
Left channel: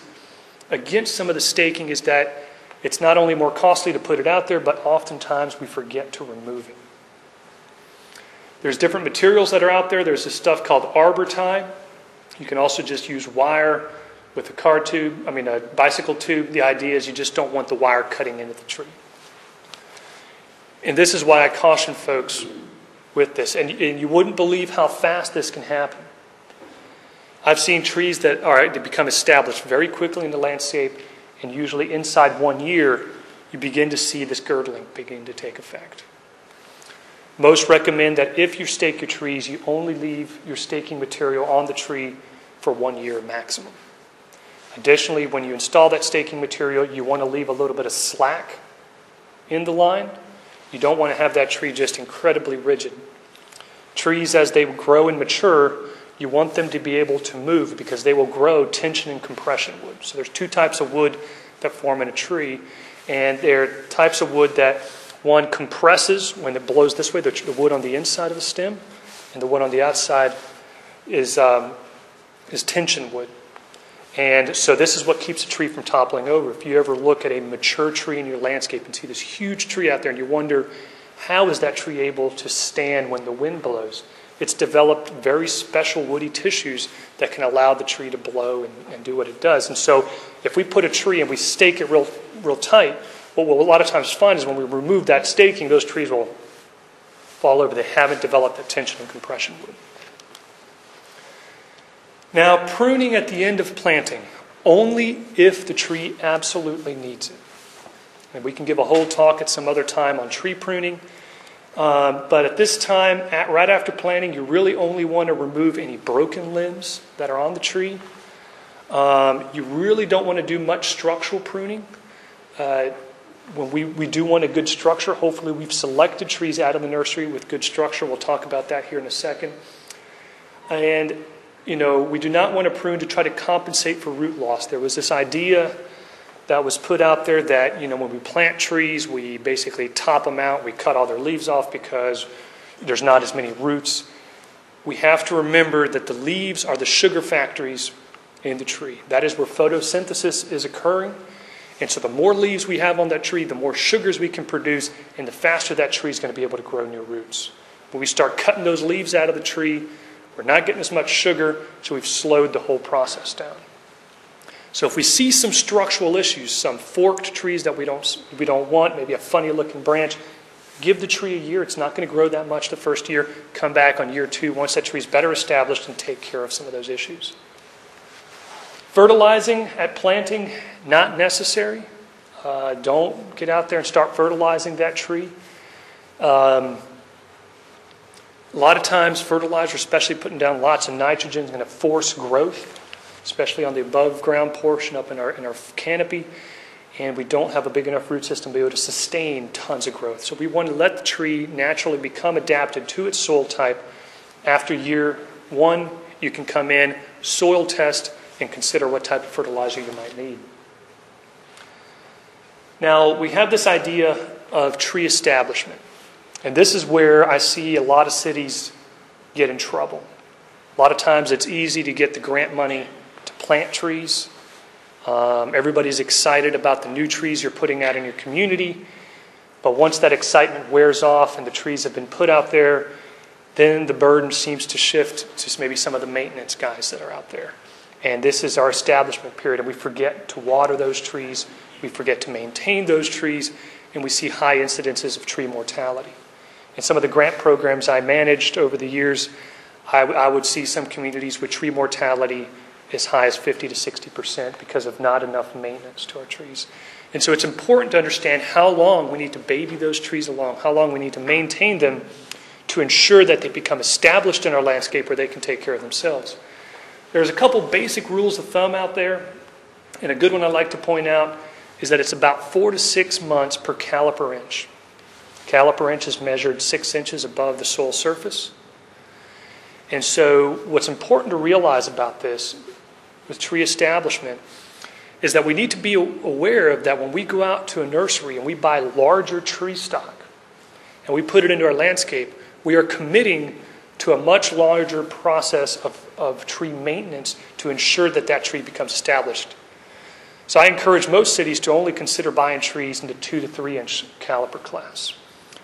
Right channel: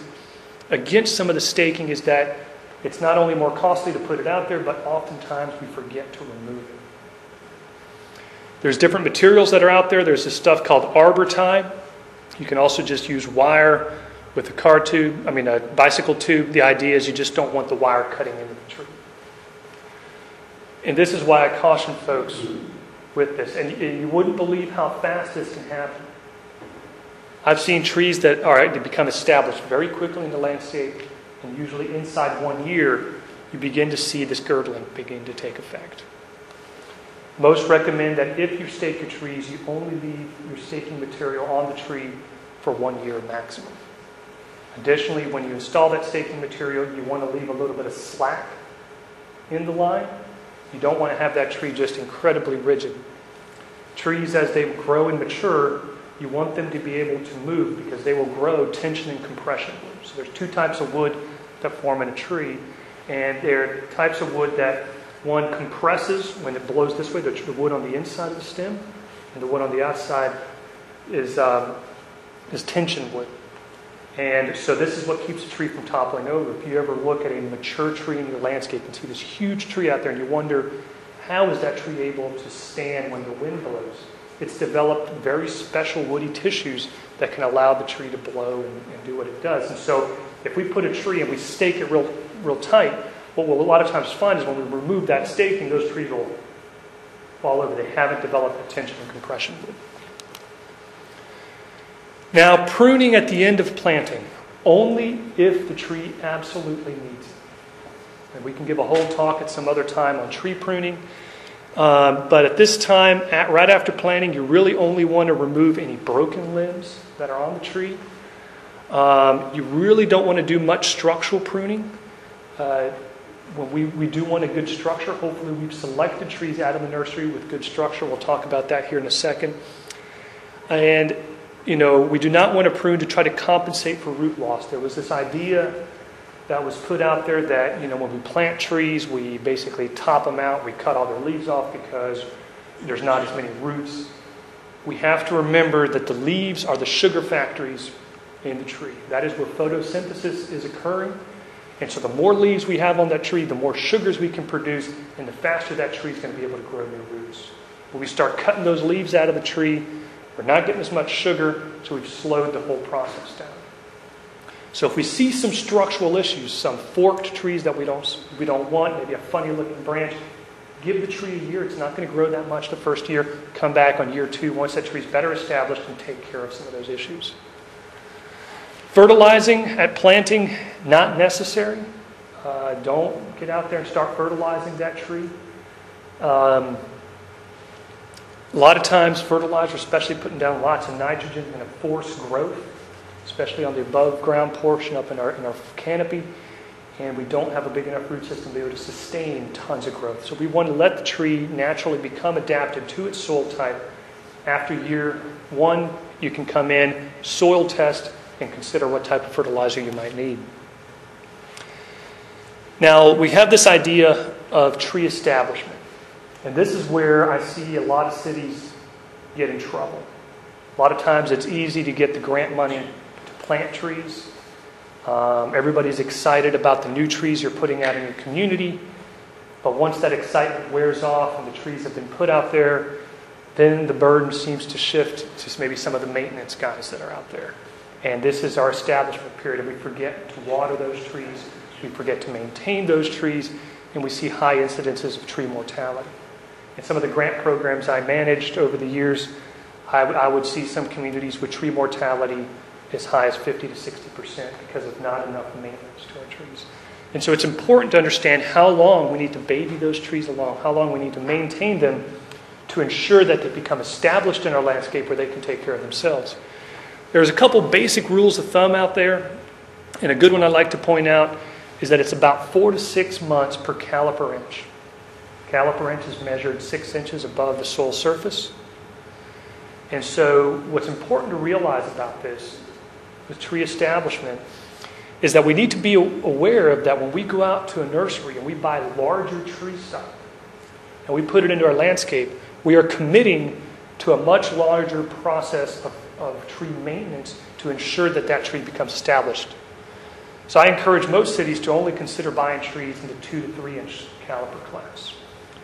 against some of the staking is that it's not only more costly to put it out there, but oftentimes we forget to remove it. There's different materials that are out there. There's this stuff called Arbor Time. You can also just use wire with a bicycle tube. The idea is you just don't want the wire cutting into the tree. And this is why I caution folks with this. And you wouldn't believe how fast this can happen. I've seen trees that they become established very quickly in the landscape, and usually inside 1 year, you begin to see this girdling begin to take effect. Most recommend that if you stake your trees, you only leave your staking material on the tree for 1 year maximum. Additionally, when you install that staking material, you want to leave a little bit of slack in the line. You don't want to have that tree just incredibly rigid. Trees, as they grow and mature, you want them to be able to move because they will grow tension and compression wood. So there's two types of wood that form in a tree, and they're types of wood that one compresses when it blows this way, the wood on the inside of the stem, and the wood on the outside is tension wood. And so this is what keeps a tree from toppling over. If you ever look at a mature tree in your landscape and see this huge tree out there and you wonder, how is that tree able to stand when the wind blows? It's developed very special woody tissues that can allow the tree to blow and do what it does. And so if we put a tree and we stake it real tight, what we'll a lot of times find is when we remove that staking, those trees will fall over. They haven't developed the tension and compression wood. Now, pruning at the end of planting, only if the tree absolutely needs it. And we can give a whole talk at some other time on tree pruning. But at this time, right after planting, you really only want to remove any broken limbs that are on the tree. You really don't want to do much structural pruning. We do want a good structure. Hopefully we've selected trees out of the nursery with good structure. We'll talk about that here in a second. And, we do not want to prune to try to compensate for root loss. There was this idea that was put out there that, when we plant trees, we basically top them out. We cut all their leaves off because there's not as many roots. We have to remember that the leaves are the sugar factories in the tree. That is where photosynthesis is occurring. And so the more leaves we have on that tree, the more sugars we can produce, and the faster that tree is going to be able to grow new roots. When we start cutting those leaves out of the tree, we're not getting as much sugar, so we've slowed the whole process down. So if we see some structural issues, some forked trees that we don't want, maybe a funny looking branch, give the tree a year. It's not going to grow that much the first year. Come back on year 2 once that tree's better established and take care of some of those issues. Fertilizing at planting, not necessary. Don't get out there and start fertilizing that tree. A lot of times fertilizer, especially putting down lots of nitrogen, is going to force growth, especially on the above ground portion up in our canopy. And we don't have a big enough root system to be able to sustain tons of growth. So we want to let the tree naturally become adapted to its soil type. After year 1, you can come in, soil test, and consider what type of fertilizer you might need. Now, we have this idea of tree establishment. And this is where I see a lot of cities get in trouble. A lot of times it's easy to get the grant money to plant trees. Everybody's excited about the new trees you're putting out in your community. But once that excitement wears off and the trees have been put out there, then the burden seems to shift to maybe some of the maintenance guys that are out there. And this is our establishment period, and we forget to water those trees, we forget to maintain those trees, and we see high incidences of tree mortality. In some of the grant programs I managed over the years, I would see some communities with tree mortality as high as 50 to 60% because of not enough maintenance to our trees. And so it's important to understand how long we need to baby those trees along, how long we need to maintain them to ensure that they become established in our landscape where they can take care of themselves. There's a couple basic rules of thumb out there, and a good one I'd like to point out is that it's about 4 to 6 months per caliper inch. Caliper inch is measured 6 inches above the soil surface. And so what's important to realize about this with tree establishment is that we need to be aware of that when we go out to a nursery and we buy larger tree stock and we put it into our landscape, we are committing to a much larger process of tree maintenance to ensure that that tree becomes established. So I encourage most cities to only consider buying trees in the 2 to 3 inch caliper class.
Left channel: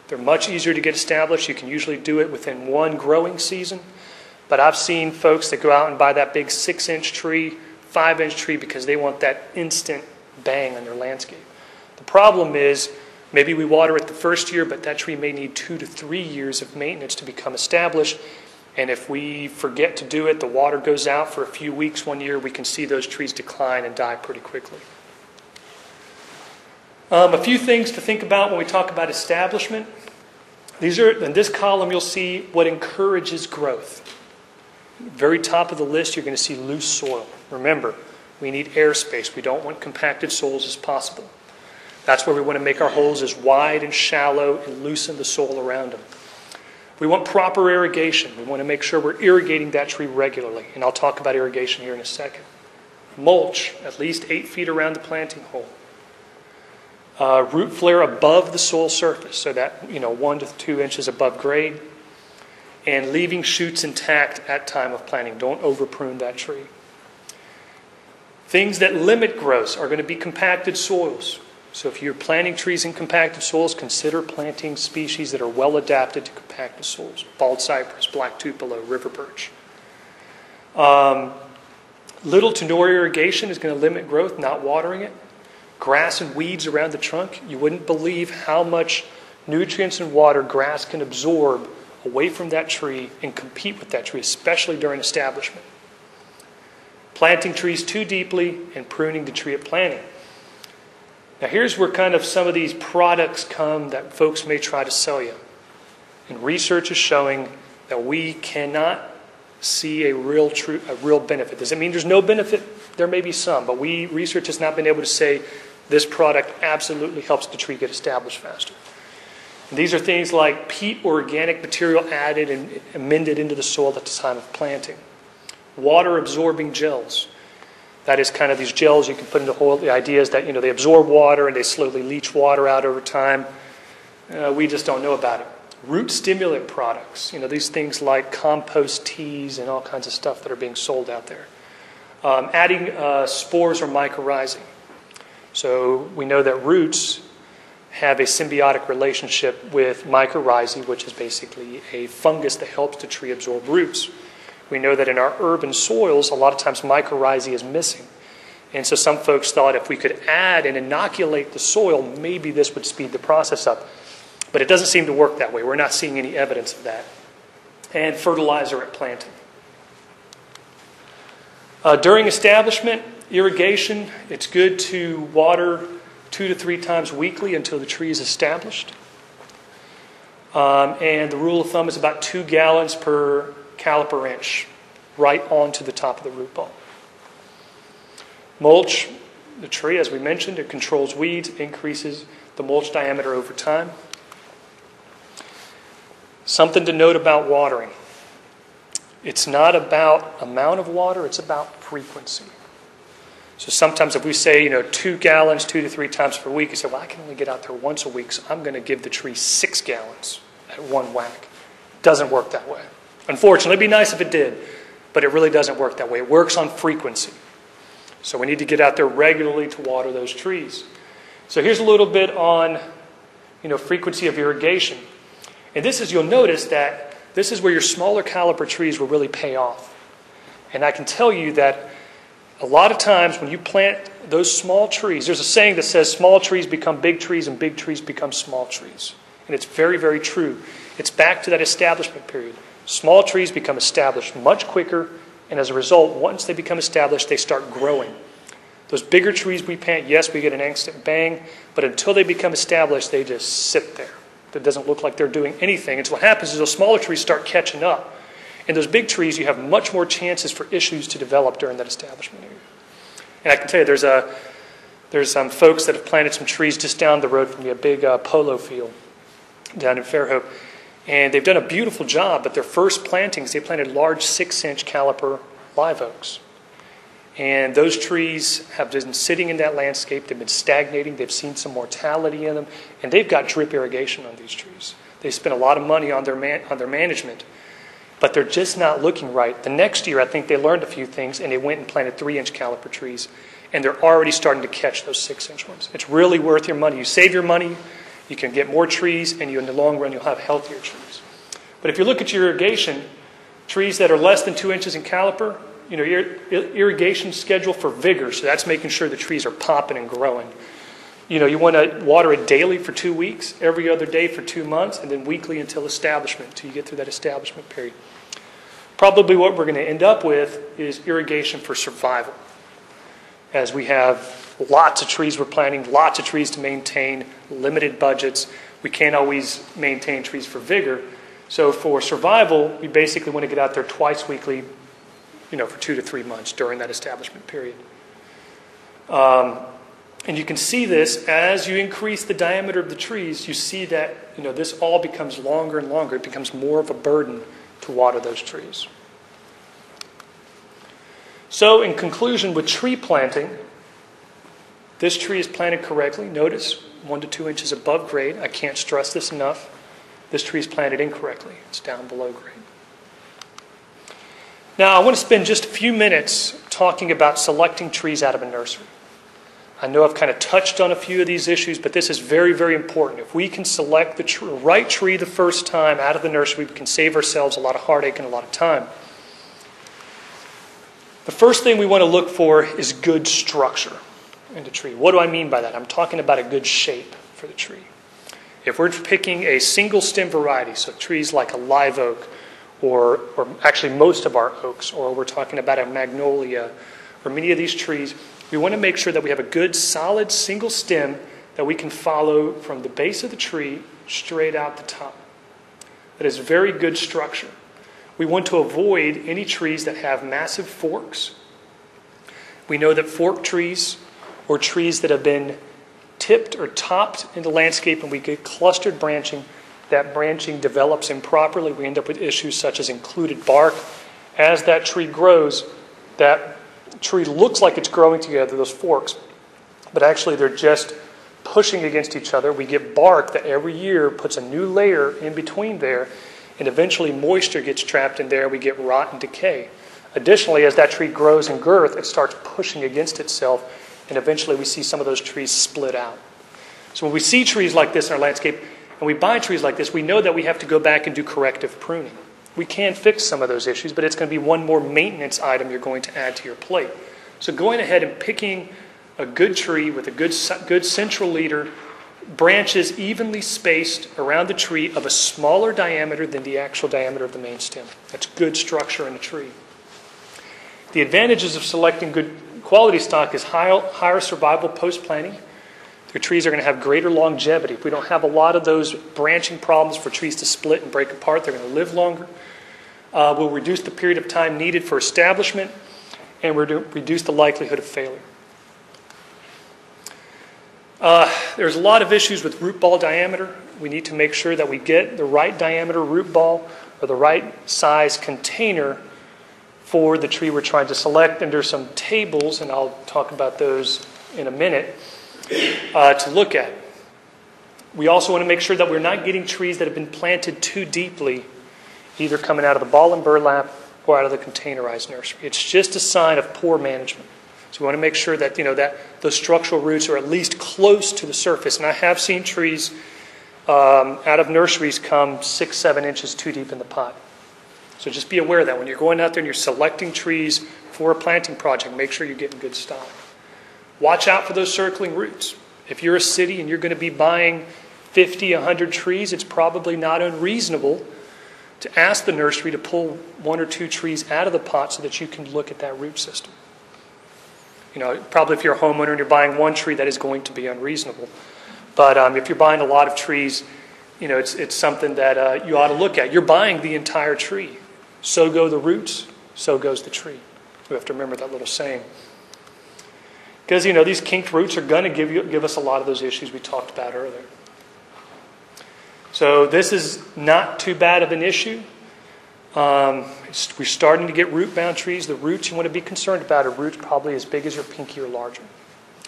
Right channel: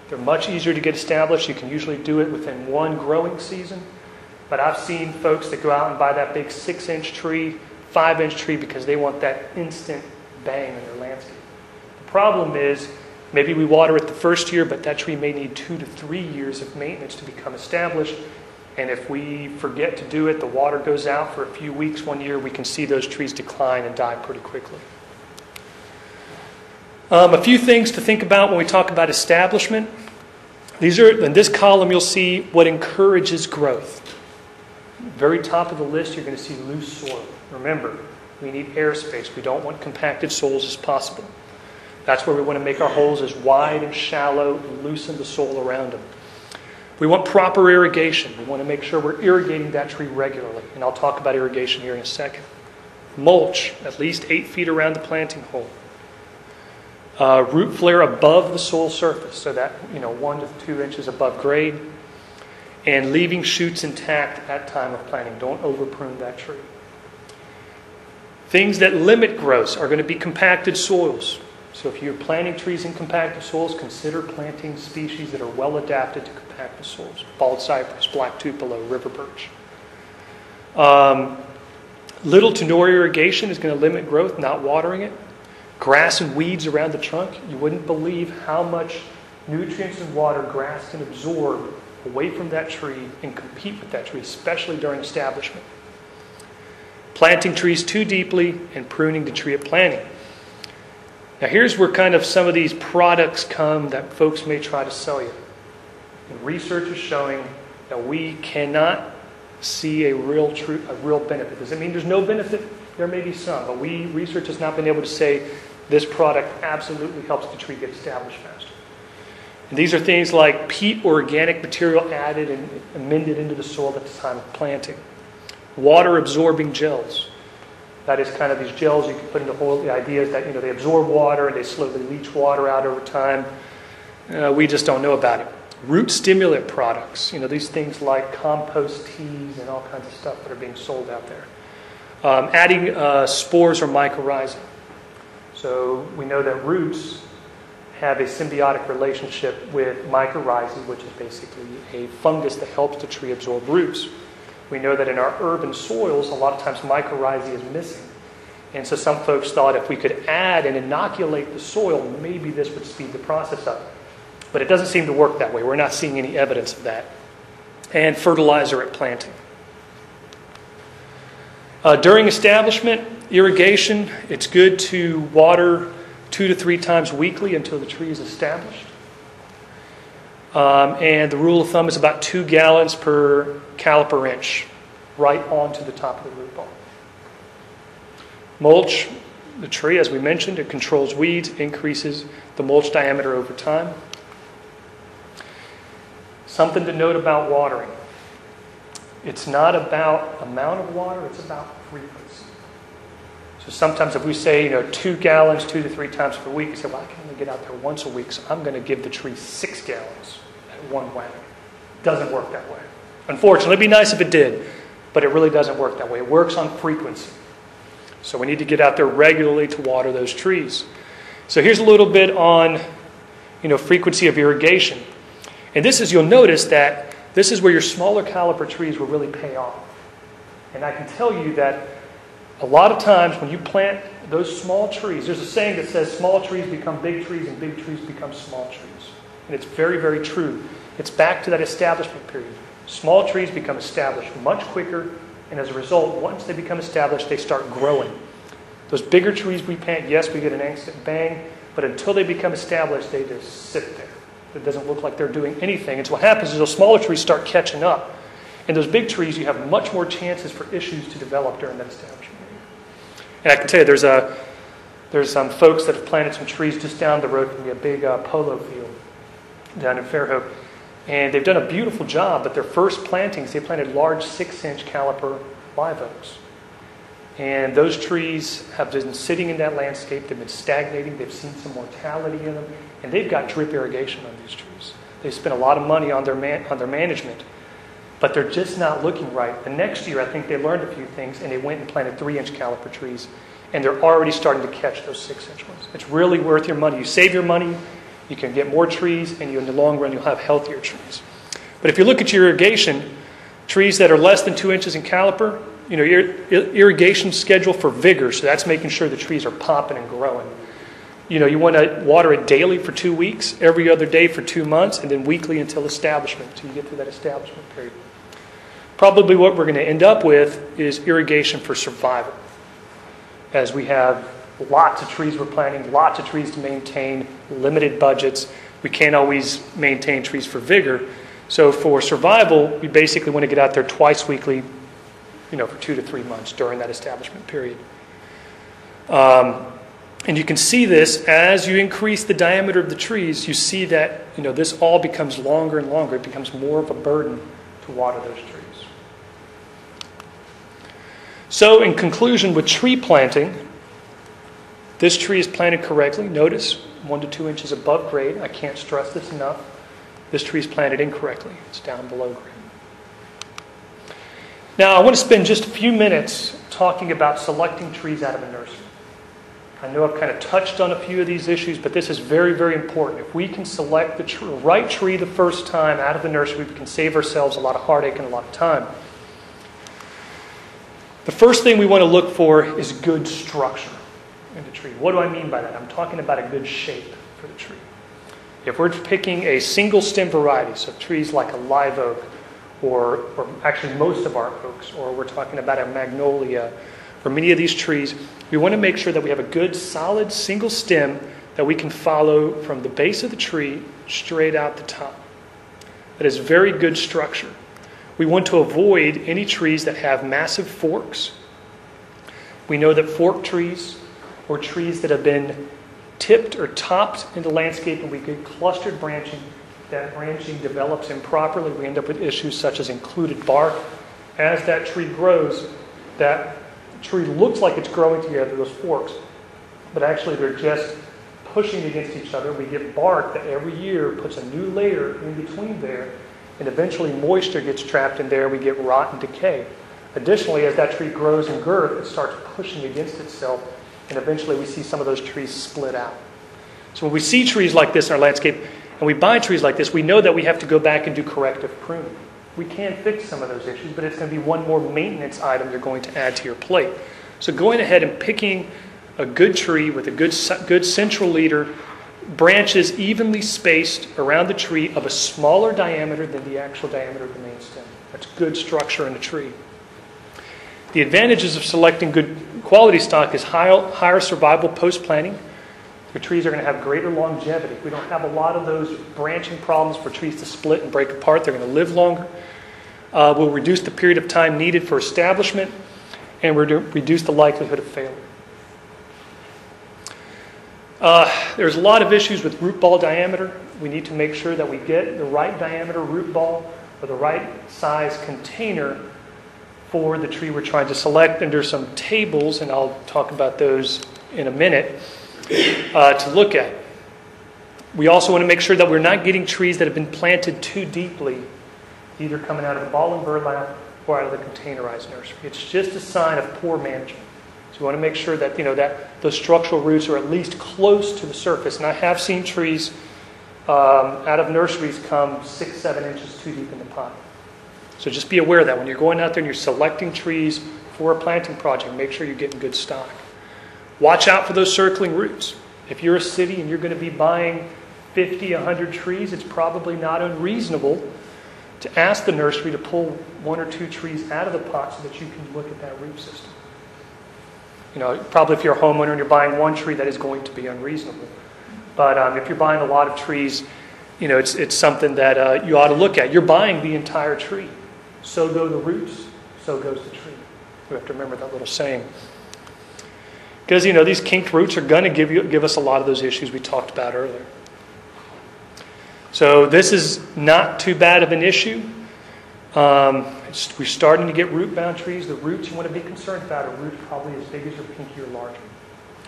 They're much easier to get established. You can usually do it within one growing season. But I've seen folks that go out and buy that big 6-inch tree, 5-inch tree because they want that instant bang on their landscape. The problem is maybe we water it the first year, but that tree may need 2 to 3 years of maintenance to become established. And if we forget to do it, the water goes out for a few weeks one year, we can see those trees decline and die pretty quickly. A few things to think about when we talk about establishment. These are, in this column, you'll see what encourages growth. Very top of the list, you're going to see loose soil. Remember, we need airspace. We don't want compacted soils as possible. That's where we want to make our holes as wide and shallow and loosen the soil around them. We want proper irrigation. We want to make sure we're irrigating that tree regularly. And I'll talk about irrigation here in a second. Mulch, at least 8 feet around the planting hole. Root flare above the soil surface, so that 1 to 2 inches above grade. And leaving shoots intact at time of planting. Don't over prune that tree. Things that limit growth are going to be compacted soils. So if you're planting trees in compacted soils, consider planting species that are well adapted to compacted soils. Bald cypress, black tupelo, river birch. Little to no irrigation is going to limit growth, not watering it. Grass and weeds around the trunk. You wouldn't believe how much nutrients and water grass can absorb away from that tree and compete with that tree, especially during establishment. Planting trees too deeply and pruning the tree at planting. Now here's where kind of some of these products come that folks may try to sell you. And research is showing that we cannot see a real benefit. Does it mean there's no benefit? There may be some, but research has not been able to say this product absolutely helps the tree get established faster. These are things like peat or organic material added and amended into the soil at the time of planting. Water-absorbing gels. That is kind of these gels you can put in the hole. The idea is that they absorb water and they slowly leach water out over time. We just don't know about it. Root stimulant products. These things like compost teas and all kinds of stuff that are being sold out there. Adding spores or mycorrhizae. So we know that roots have a symbiotic relationship with mycorrhizae, which is basically a fungus that helps the tree absorb roots. We know that in our urban soils, a lot of times mycorrhizae is missing. And so some folks thought if we could add and inoculate the soil, maybe this would speed the process up. But it doesn't seem to work that way. We're not seeing any evidence of that. And fertilizer at planting. During establishment, irrigation, it's good to water 2 to 3 times weekly until the tree is established. And the rule of thumb is about 2 gallons per caliper inch, right onto the top of the root ball. Mulch the tree, as we mentioned, it controls weeds, increases the mulch diameter over time. Something to note about watering. It's not about amount of water, it's about frequency. So sometimes if we say, 2 gallons 2 to 3 times per week, you say, well, I can only get out there once a week, so I'm going to give the tree 6 gallons at one whack. Doesn't work that way. Unfortunately, it'd be nice if it did, but it really doesn't work that way. It works on frequency. So we need to get out there regularly to water those trees. So here's a little bit on, frequency of irrigation. And this is, you'll notice that this is where your smaller caliper trees will really pay off. And I can tell you that a lot of times when you plant those small trees, there's a saying that says small trees become big trees and big trees become small trees. And it's very, very true. It's back to that establishment period. Small trees become established much quicker, and as a result, once they become established, they start growing. Those bigger trees we plant, yes, we get an instant bang, but until they become established, they just sit there. It doesn't look like they're doing anything. And so what happens is those smaller trees start catching up. And those big trees, you have much more chances for issues to develop during that establishment area. And I can tell you, there's some folks that have planted some trees just down the road from me, a big polo field down in Fairhope. And they've done a beautiful job, but their first plantings, they planted large 6-inch caliper live oaks. And those trees have been sitting in that landscape. They've been stagnating. They've seen some mortality in them. And they've got drip irrigation on these trees. They spent a lot of money on their management, but they're just not looking right. The next year, I think they learned a few things, and they went and planted 3-inch caliper trees. And they're already starting to catch those 6-inch ones. It's really worth your money. You save your money, you can get more trees, and in the long run, you'll have healthier trees. But if you look at your irrigation, trees that are less than 2 inches in caliper, your irrigation schedule for vigor, so that's making sure the trees are popping and growing. You want to water it daily for 2 weeks, every other day for 2 months, and then weekly until establishment, until you get through that establishment period. Probably what we're going to end up with is irrigation for survival. As we have lots of trees we're planting, lots of trees to maintain, limited budgets, we can't always maintain trees for vigor. So for survival, we basically want to get out there twice weekly, for 2 to 3 months during that establishment period. And you can see this as you increase the diameter of the trees, you see that this all becomes longer and longer. It becomes more of a burden to water those trees. So in conclusion, with tree planting, this tree is planted correctly. Notice 1 to 2 inches above grade. I can't stress this enough. This tree is planted incorrectly. It's down below grade. Now, I want to spend just a few minutes talking about selecting trees out of a nursery. I know I've kind of touched on a few of these issues, but this is very, very important. If we can select the right tree the first time out of the nursery, we can save ourselves a lot of heartache and a lot of time. The first thing we want to look for is good structure in the tree. What do I mean by that? I'm talking about a good shape for the tree. If we're picking a single stem variety, so trees like a live oak, or actually most of our oaks, or we're talking about a magnolia, or many of these trees, we want to make sure that we have a good, solid, single stem that we can follow from the base of the tree straight out the top. That is very good structure. We want to avoid any trees that have massive forks. We know that fork trees, or trees that have been tipped or topped in the landscape and we get clustered branching, that branching develops improperly. We end up with issues such as included bark. As that tree grows, that tree looks like it's growing together, those forks, but actually they're just pushing against each other. We get bark that every year puts a new layer in between there, and eventually moisture gets trapped in there. We get rot and decay. Additionally, as that tree grows in girth, it starts pushing against itself, and eventually we see some of those trees split out. So when we see trees like this in our landscape, and we buy trees like this, we know that we have to go back and do corrective pruning. We can fix some of those issues, but it's going to be one more maintenance item you're going to add to your plate. So going ahead and picking a good tree with a good central leader, branches evenly spaced around the tree of a smaller diameter than the actual diameter of the main stem. That's good structure in the tree. The advantages of selecting good quality stock is higher survival post-planting. Your trees are going to have greater longevity. If we don't have a lot of those branching problems for trees to split and break apart, they're going to live longer. We'll reduce the period of time needed for establishment, and we'll reduce the likelihood of failure. There's a lot of issues with root ball diameter. We need to make sure that we get the right diameter root ball or the right size container for the tree we're trying to select. And there's some tables, and I'll talk about those in a minute, to look at. We also want to make sure that we're not getting trees that have been planted too deeply, either coming out of the ball and burlap or out of the containerized nursery. It's just a sign of poor management. So we want to make sure that that those structural roots are at least close to the surface. And I have seen trees out of nurseries come 6-7 inches too deep in the pot. So just be aware of that when you're going out there and you're selecting trees for a planting project. Make sure you're getting good stock. Watch out for those circling roots. If you're a city and you're going to be buying 50, 100 trees, it's probably not unreasonable to ask the nursery to pull 1 or 2 trees out of the pot so that you can look at that root system. You know, probably if you're a homeowner and you're buying 1 tree, that is going to be unreasonable. But if you're buying a lot of trees, you know, it's something that you ought to look at. You're buying the entire tree. So go the roots, so goes the tree. We have to remember that little saying. Because, you know, these kinked roots are going to give us a lot of those issues we talked about earlier. So this is not too bad of an issue. We're starting to get root-bound trees. The roots you want to be concerned about are roots probably as big as your pinky or larger.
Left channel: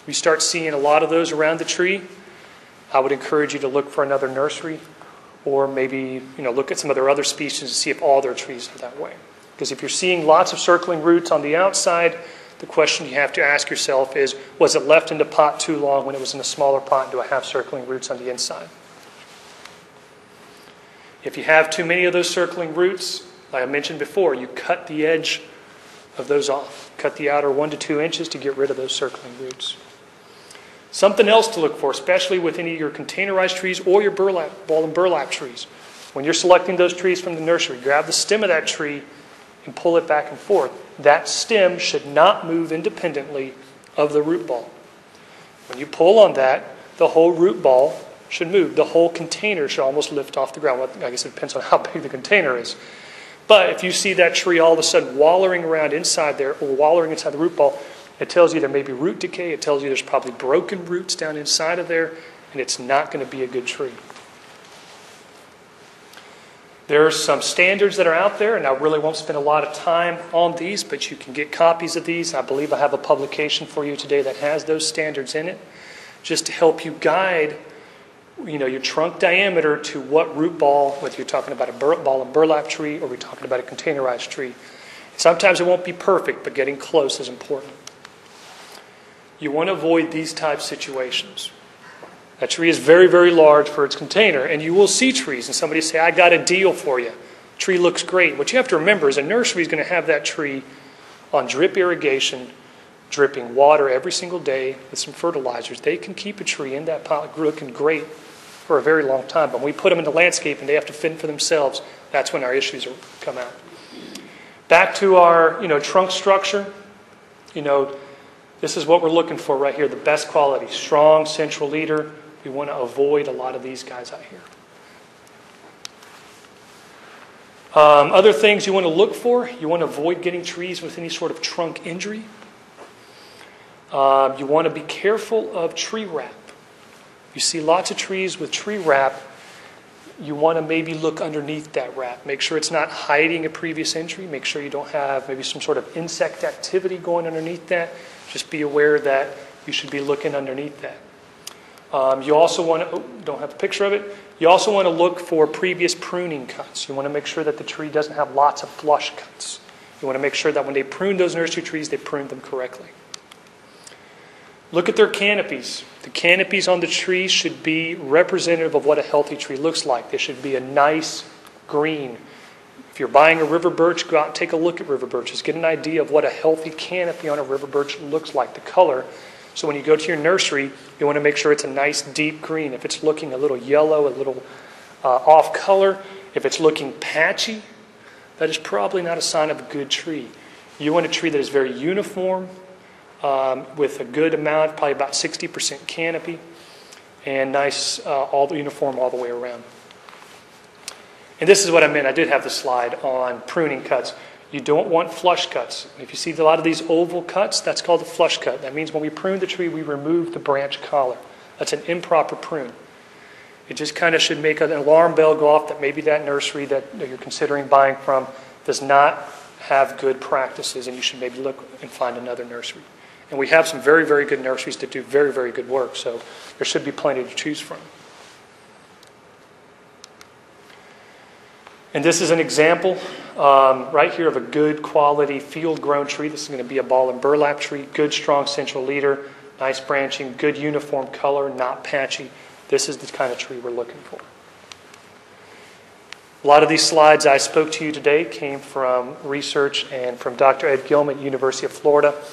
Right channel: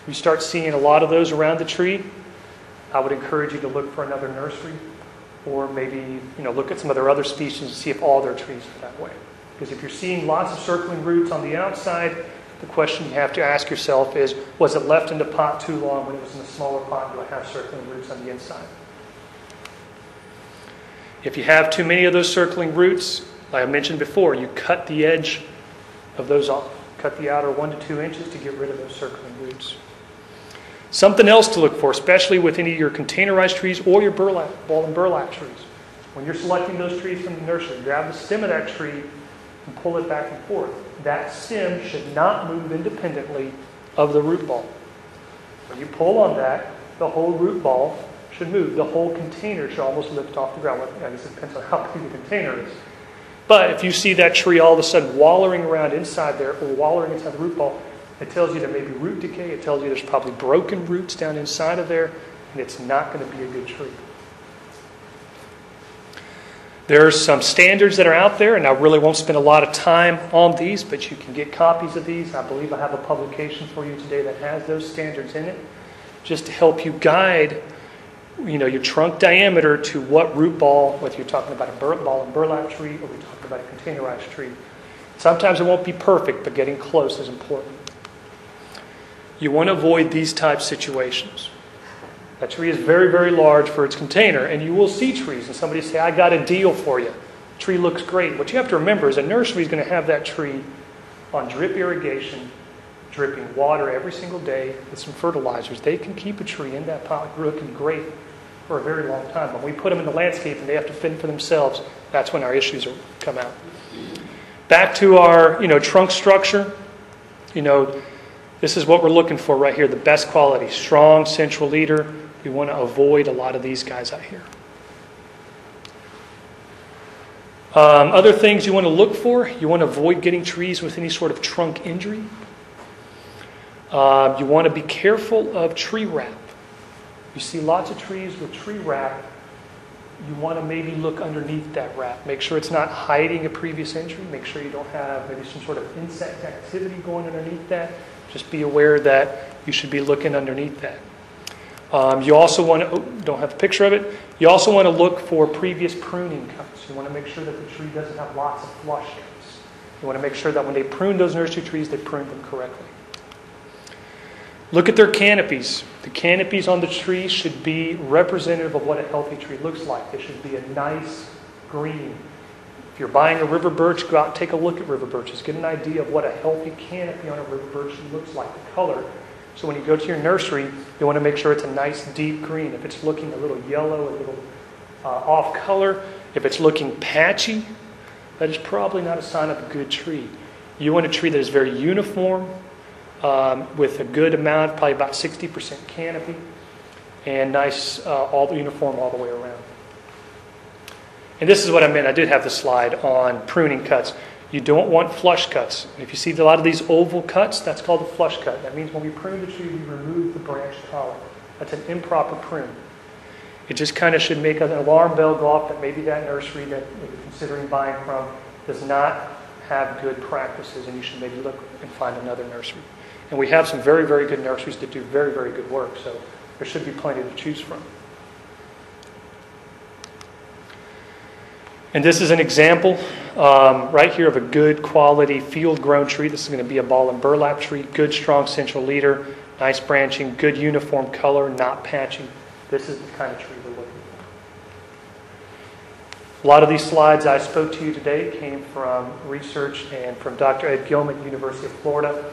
We start seeing a lot of those around the tree. I would encourage you to look for another nursery, or maybe, you know, look at some of their other species and see if all their trees are that way. Because if you're seeing lots of circling roots on the outside, the question you have to ask yourself is, was it left in the pot too long when it was in a smaller pot? Do I have circling roots on the inside? If you have too many of those circling roots, like I mentioned before, you cut the edge of those off. Cut the outer 1 to 2 inches to get rid of those circling roots. Something else to look for, especially with any of your containerized trees or your ball and burlap trees. When you're selecting those trees from the nursery, grab the stem of that tree and pull it back and forth. That stem should not move independently of the root ball. When you pull on that, the whole root ball should move. The whole container should almost lift off the ground. Well, I guess it depends on how big the container is. But if you see that tree all of a sudden wallowing around inside there, or wallowing inside the root ball, it tells you there may be root decay. It tells you there's probably broken roots down inside of there, and it's not going to be a good tree. There's some standards that are out there, and I really won't spend a lot of time on these, but you can get copies of these. I believe I have a publication for you today that has those standards in it, just to help you guide, you know, your trunk diameter to what root ball, whether you're talking about a ball and burlap tree or we're talking about a containerized tree. Sometimes it won't be perfect, but getting close is important. You want to avoid these type situations. A tree is very, very large for its container, and you will see trees, and somebody say, I got a deal for you. Tree looks great. What you have to remember is a nursery is going to have that tree on drip irrigation, dripping water every single day with some fertilizers. They can keep a tree in that pot looking great for a very long time. But when we put them in the landscape and they have to fend for themselves, that's when our issues come out. Back to our, you know, trunk structure. You know, this is what we're looking for right here, the best quality, strong central leader. We want to avoid a lot of these guys out here. Other things you want to look for, you want to avoid getting trees with any sort of trunk injury. You want to be careful of tree wrap. You see lots of trees with tree wrap. You want to maybe look underneath that wrap. Make sure it's not hiding a previous injury. Make sure you don't have maybe some sort of insect activity going underneath that. Just be aware that you should be looking underneath that. You also want to, don't have a picture of it. You also want to look for previous pruning cuts. You want to make sure that the tree doesn't have lots of flush cuts. You want to make sure that when they prune those nursery trees, they prune them correctly. Look at their canopies. The canopies on the tree should be representative of what a healthy tree looks like. They should be a nice green. If you're buying a river birch, go out and take a look at river birches. Get an idea of what a healthy canopy on a river birch looks like, the color. So when you go to your nursery, you want to make sure it's a nice deep green. If it's looking a little yellow, a little off color, if it's looking patchy, that is probably not a sign of a good tree. You want a tree that is very uniform, with a good amount, probably about 60% canopy, and nice, uniform all the way around. And this is what I meant. I did have the slide on pruning cuts. You don't want flush cuts. If you see a lot of these oval cuts, that's called a flush cut. That means when we prune the tree, we remove the branch collar. That's an improper prune. It just kind of should make an alarm bell go off that maybe that nursery that you're considering buying from does not have good practices, and you should maybe look and find another nursery. And we have some very, very good nurseries that do very, very good work, so there should be plenty to choose from. And this is an example right here of a good quality field-grown tree. This is going to be a ball and burlap tree, good strong central leader, nice branching, good uniform color, not patchy. This is the kind of tree we're looking for. A lot of these slides I spoke to you today came from research and from Dr. Ed Gilman at the University of Florida.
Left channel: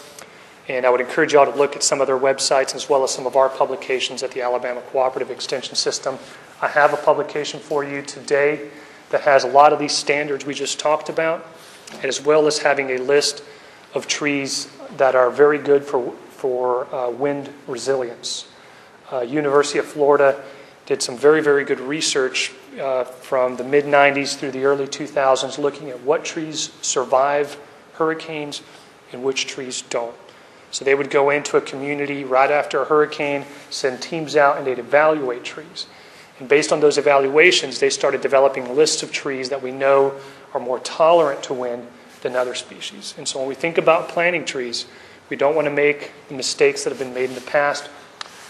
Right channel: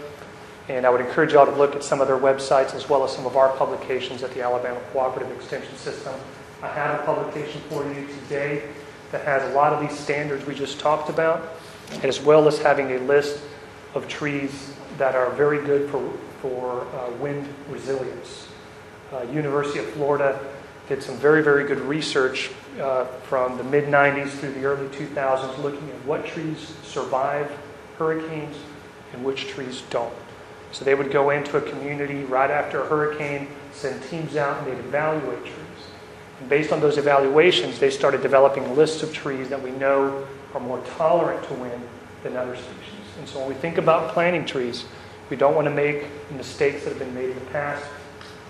And I would encourage you all to look at some of their websites as well as some of our publications at the Alabama Cooperative Extension System. I have a publication for you today that has a lot of these standards we just talked about, as well as having a list of trees that are very good for wind resilience. University of Florida did some very, very good research from the mid-90s through the early 2000s looking at what trees survive hurricanes and which trees don't. So they would go into a community right after a hurricane, send teams out, and they'd evaluate trees. And based on those evaluations, they started developing lists of trees that we know are more tolerant to wind than other species. And so when we think about planting trees, we don't want to make mistakes that have been made in the past.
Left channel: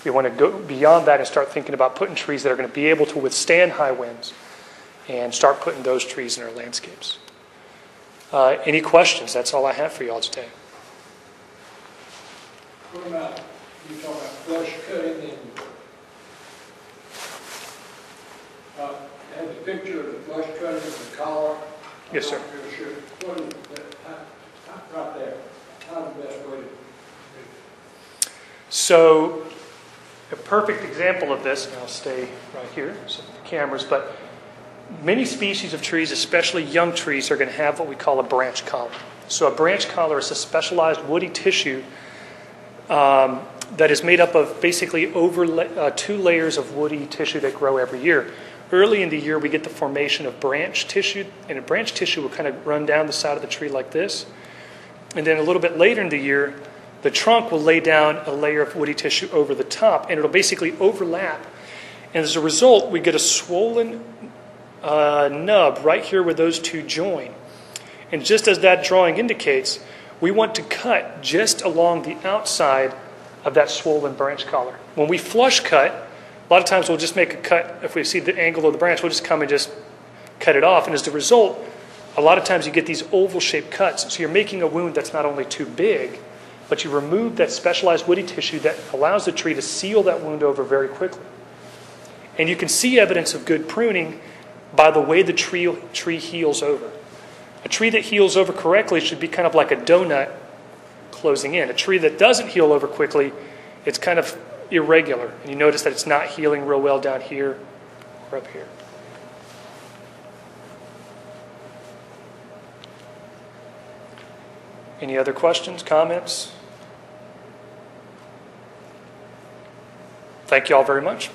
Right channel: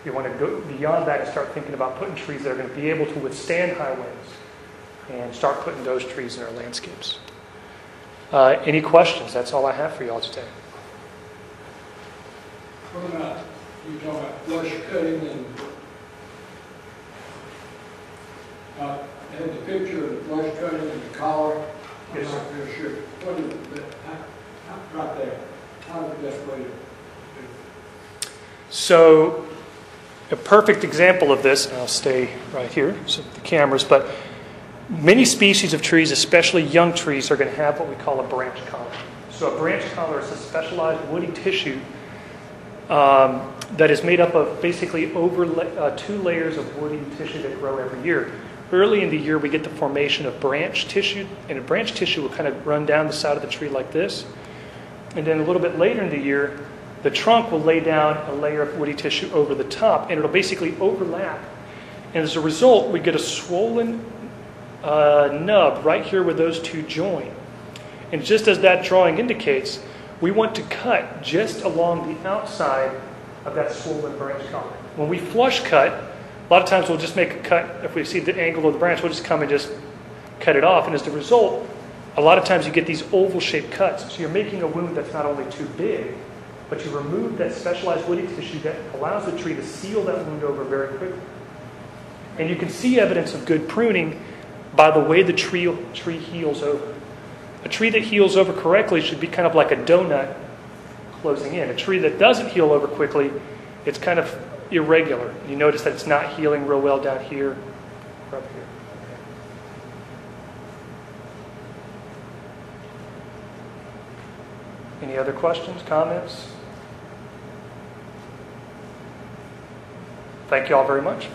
We want to go beyond that and start thinking about putting trees that are going to be able to withstand high winds and start putting those trees in our landscapes. Any questions? That's all I have for you all today. What about, you talking about flush cutting and, I had the picture of the flush cutting and the collar. Yes, sir. I'm not real sure. What is that, right there, how's the best way to do? So a perfect example of this, and I'll stay right here, so the cameras, but many species of trees, especially young trees, are going to have what we call a branch collar. So a branch collar is a specialized woody tissue that is made up of basically 2 layers of woody tissue that grow every year. Early in the year, we get the formation of branch tissue, and a branch tissue will kind of run down the side of the tree like this. And then a little bit later in the year, the trunk will lay down a layer of woody tissue over the top, and it'll basically overlap. And as a result, we get a swollen nub right here where those two join. And just as that drawing indicates, we want to cut just along the outside of that swollen branch collar. When we flush cut, a lot of times we'll just make a cut. If we see the angle of the branch, we'll just come and just cut it off. And as a result, a lot of times you get these oval-shaped cuts. So you're making a wound that's not only too big, but you remove that specialized woody tissue that allows the tree to seal that wound over very quickly. And you can see evidence of good pruning by the way the tree heals over. A tree that heals over correctly should be kind of like a donut closing in. A tree that doesn't heal over quickly, it's kind of irregular. You notice that it's not healing real well down here or up here. Any other questions, comments? Thank you all very much.